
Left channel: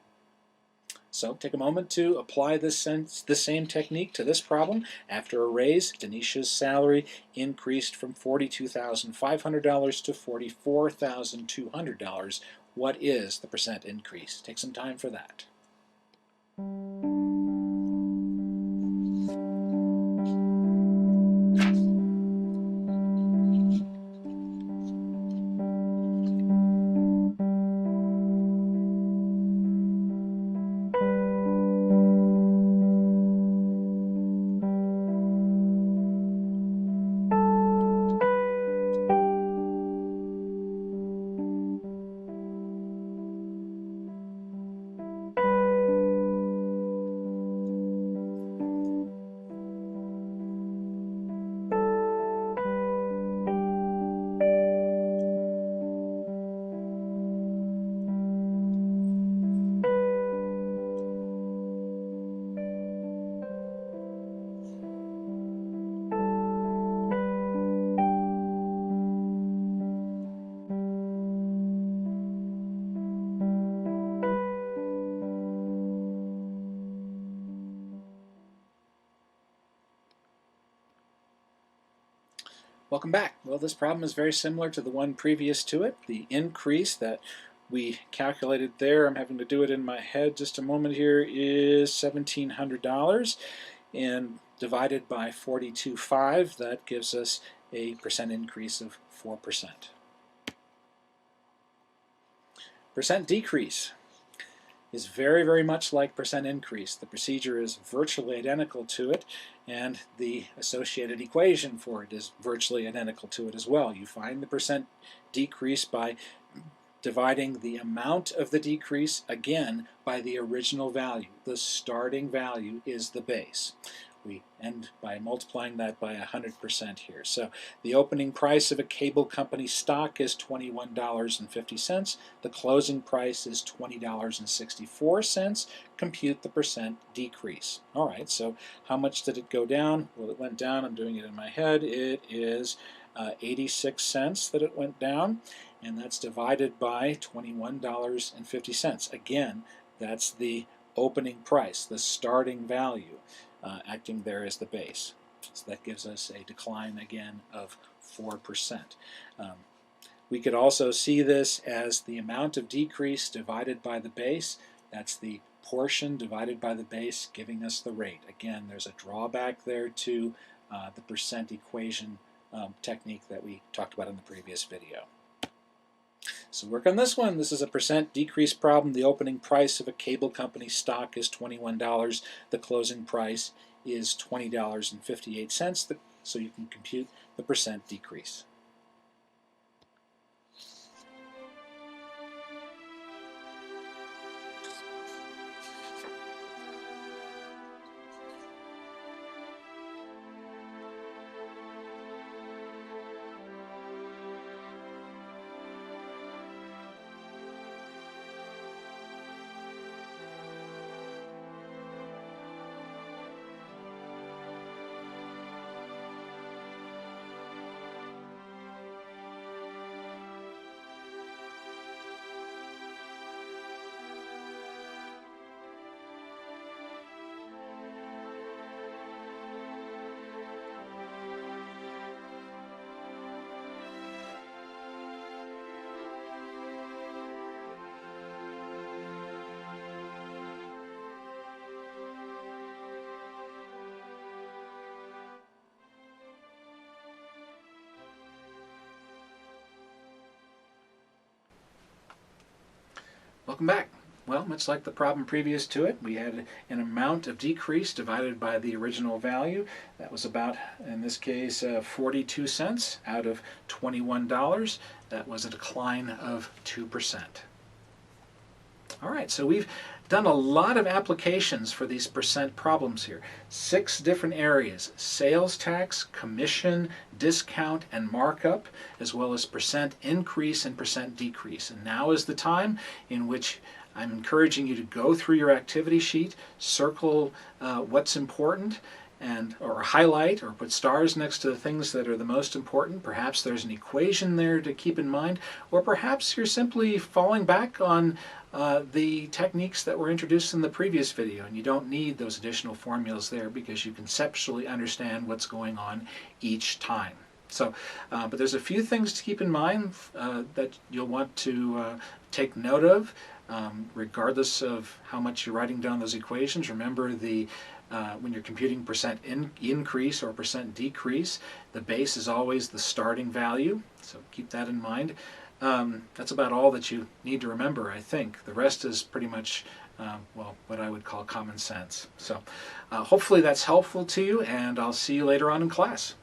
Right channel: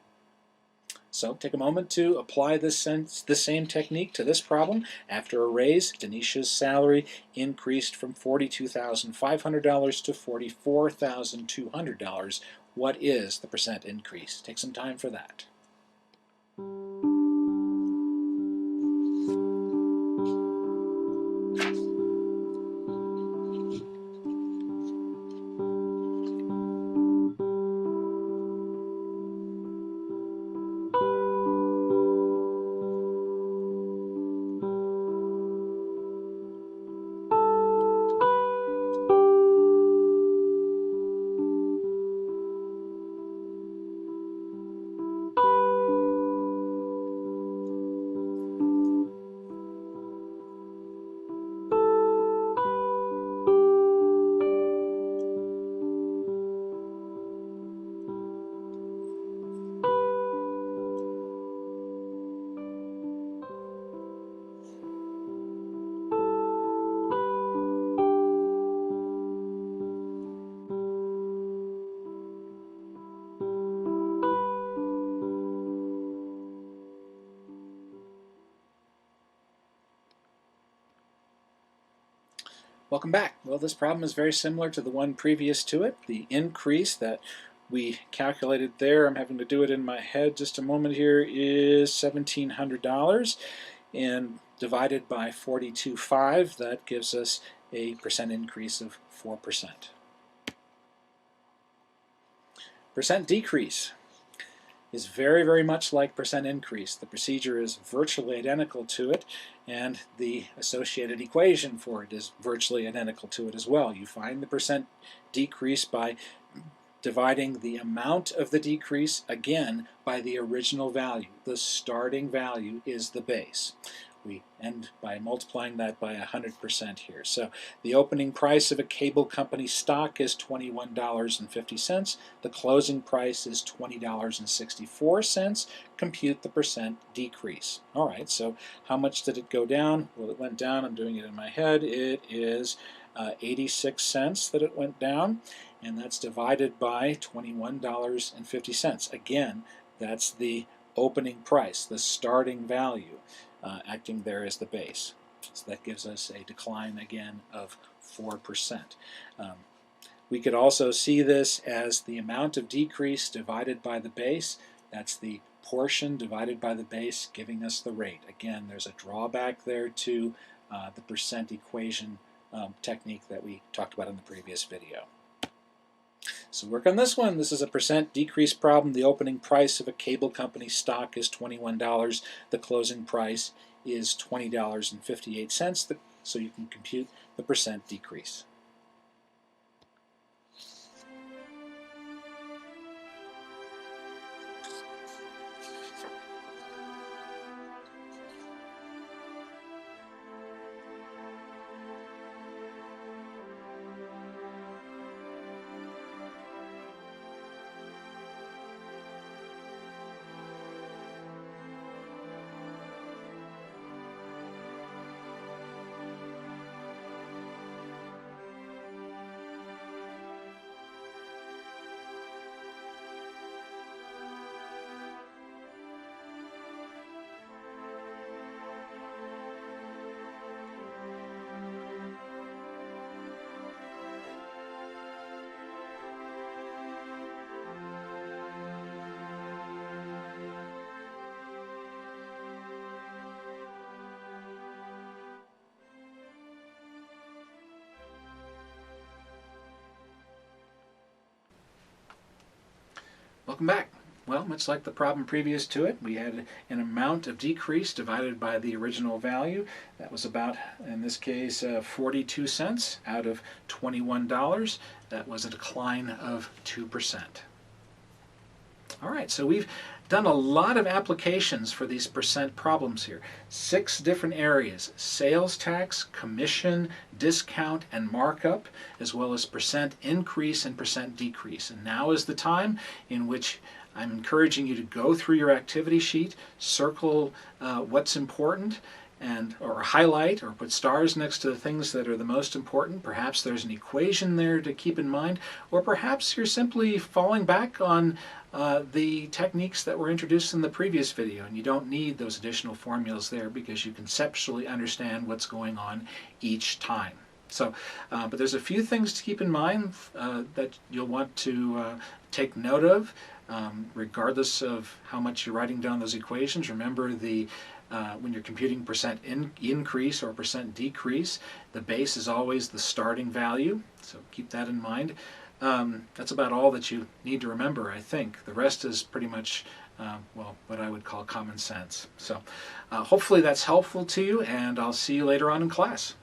So take a moment to apply this same technique to this problem. After a raise, Denisha's salary increased from $42,500 to $44,200. What is the percent increase? Take some time for that. Welcome back. Well, this problem is very similar to the one previous to it. The increase that we calculated there, I'm having to do it in my head just a moment here, is $1,700, and divided by 42.5, that gives us a percent increase of 4%. Percent decrease is very, very much like percent increase. The procedure is virtually identical to it, and the associated equation for it is virtually identical to it as well. You find the percent decrease by dividing the amount of the decrease, again, by the original value. The starting value is the base. We end by multiplying that by 100% here. So the opening price of a cable company stock is $21.50. The closing price is $20.64. Compute the percent decrease. All right, so how much did it go down? Well, it went down. I'm doing it in my head. It is 86 cents that it went down, and that's divided by $21.50. Again, that's the opening price, the starting value. Acting there as the base. So that gives us a decline again of 4%. We could also see this as the amount of decrease divided by the base. That's the portion divided by the base, giving us the rate. Again, there's a drawback there to the percent equation technique that we talked about in the previous video. So work on this one. This is a percent decrease problem. The opening price of a cable company stock is $21. The closing price is $20.58. So you can compute the percent decrease. Welcome back. Well, much like the problem previous to it, we had an amount of decrease divided by the original value. That was about, in this case, 42 cents out of $21. That was a decline of 2%. All right, so we've done a lot of applications for these percent problems here. 6 different areas: sales tax, commission, discount, and markup, as well as percent increase and percent decrease. And now is the time in which I'm encouraging you to go through your activity sheet, circle what's important, or highlight or put stars next to the things that are the most important. Perhaps there's an equation there to keep in mind, or perhaps you're simply falling back on the techniques that were introduced in the previous video, and you don't need those additional formulas there because you conceptually understand what's going on each time. So, but there's a few things to keep in mind that you'll want to take note of, regardless of how much you're writing down those equations. Remember, when you're computing percent increase or percent decrease, the base is always the starting value, so keep that in mind. That's about all that you need to remember, I think. The rest is pretty much, well, what I would call common sense. So hopefully that's helpful to you, and I'll see you later on in class.